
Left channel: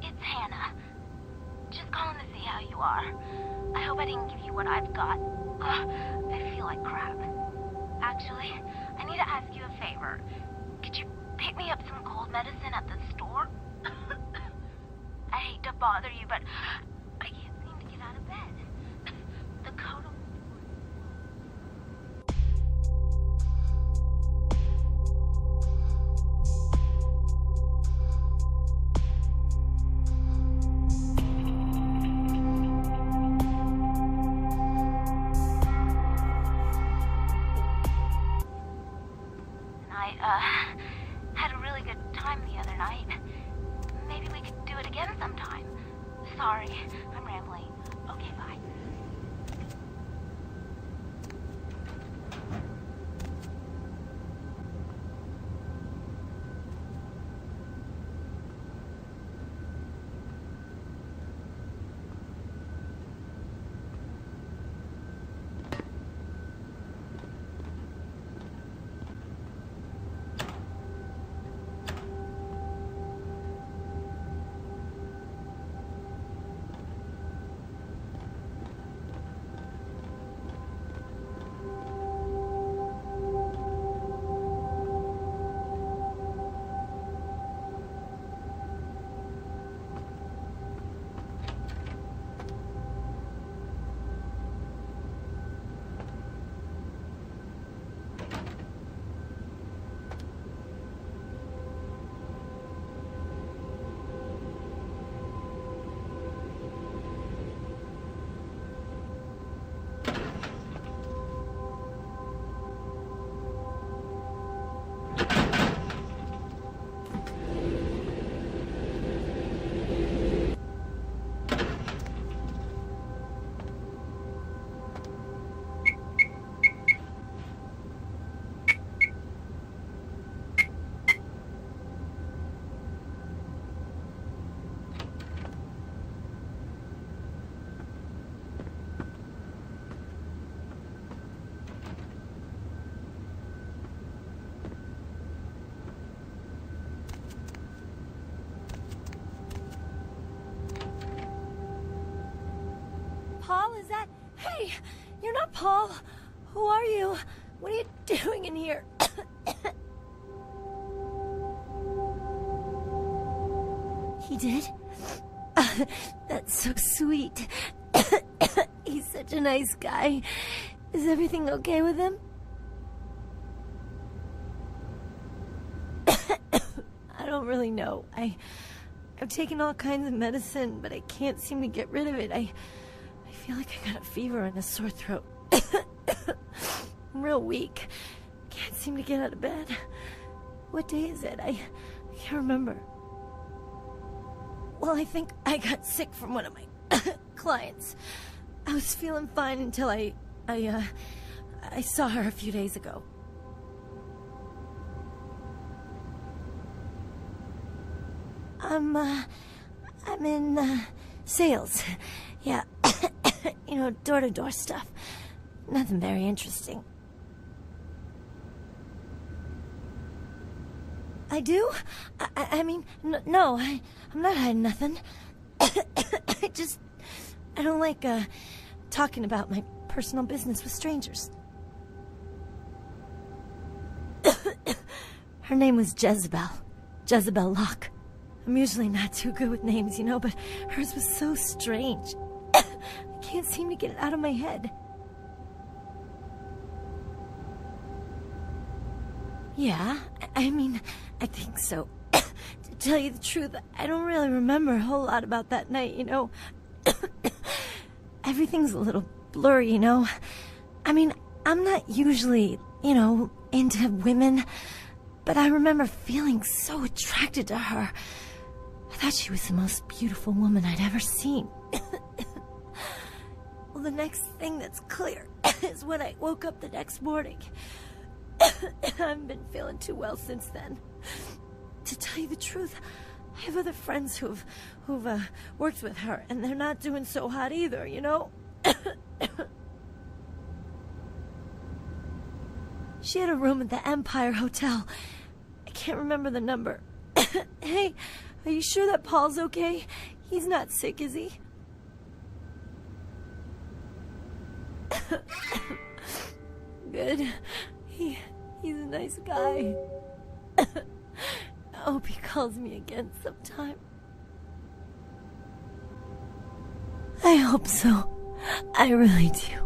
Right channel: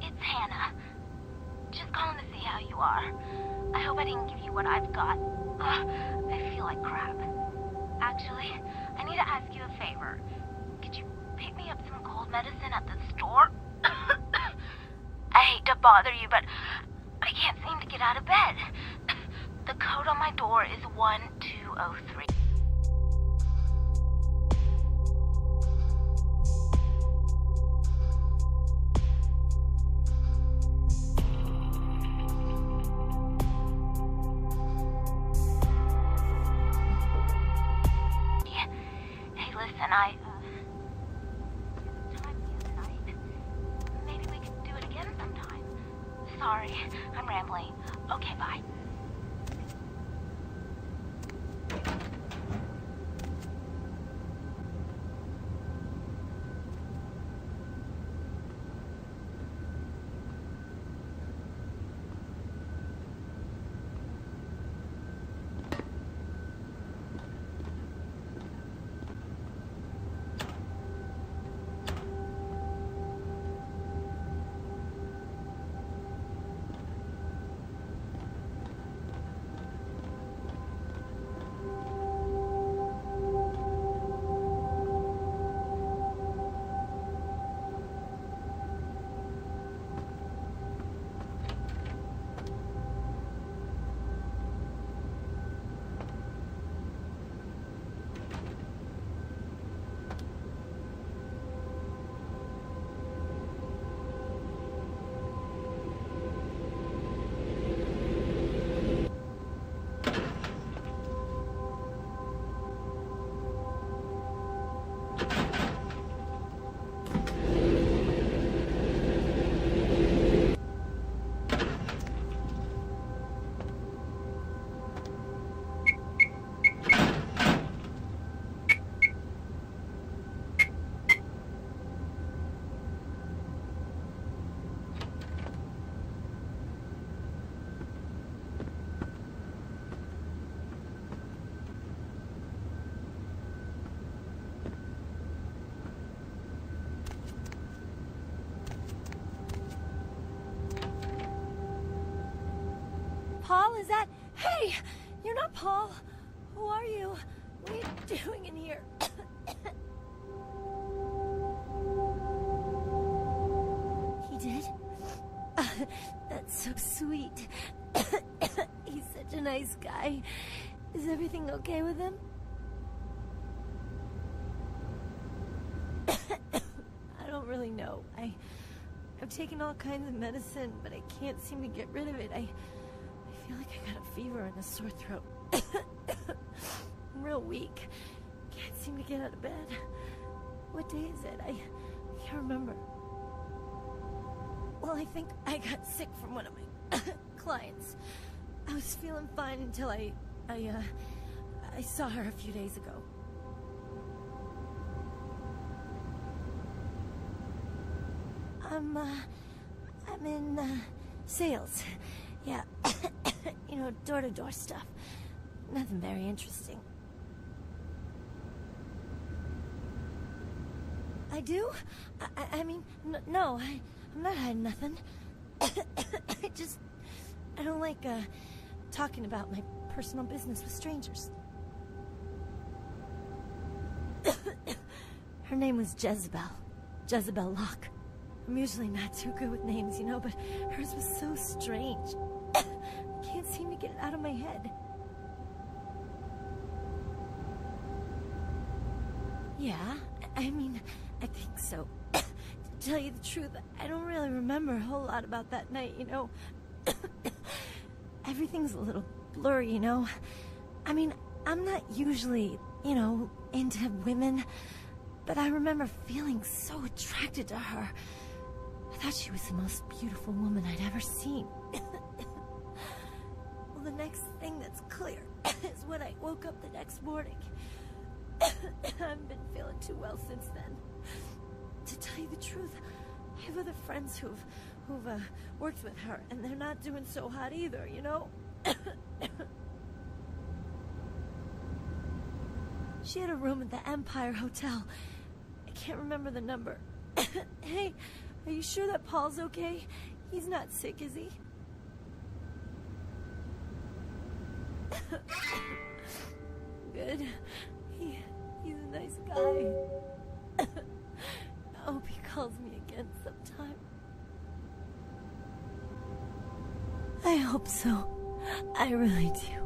It's Hannah. Just calling to see how you are. I hope I didn't give you what I've got. I feel like crap. Actually, I need to ask you a favor. Could you pick me up some cold medicine at the store? I hate to bother you, but I can't seem to get out of bed. The code on my door is 1203. I had a really good time the other night. Maybe we could do it again sometime. Sorry, I'm rambling. Okay, bye. Paul, is that... Hey, you're not Paul. Who are you? What are you doing in here? He did? That's so sweet. He's such a nice guy. Is everything okay with him? I don't really know. I've taken all kinds of medicine, but I can't seem to get rid of it. I feel like I got a fever and a sore throat. I'm real weak. Can't seem to get out of bed. What day is it? I can't remember. Well, I think I got sick from one of my clients. I was feeling fine until I saw her a few days ago. I'm in sales. Yeah. You know, door-to-door stuff. Nothing very interesting. I do? I mean, no, I'm not hiding nothing. I don't like, talking about my personal business with strangers. Her name was Jezebel. Jezebel Locke. I'm usually not too good with names, you know, but hers was so strange. I can't seem to get it out of my head. Yeah, I mean, I think so. To tell you the truth, I don't really remember a whole lot about that night, you know. Everything's a little blurry, you know. I mean, I'm not usually, you know, into women, but I remember feeling so attracted to her. I thought she was the most beautiful woman I'd ever seen. Well, the next thing that's clear is when I woke up the next morning. I haven't been feeling too well since then. To tell you the truth, I have other friends who've worked with her, and they're not doing so hot either, you know? She had a room at the Empire Hotel. I can't remember the number. Hey, are you sure that Paul's okay? He's not sick, is he? Good. He's a nice guy. I hope he calls me again sometime. I hope so. I really do.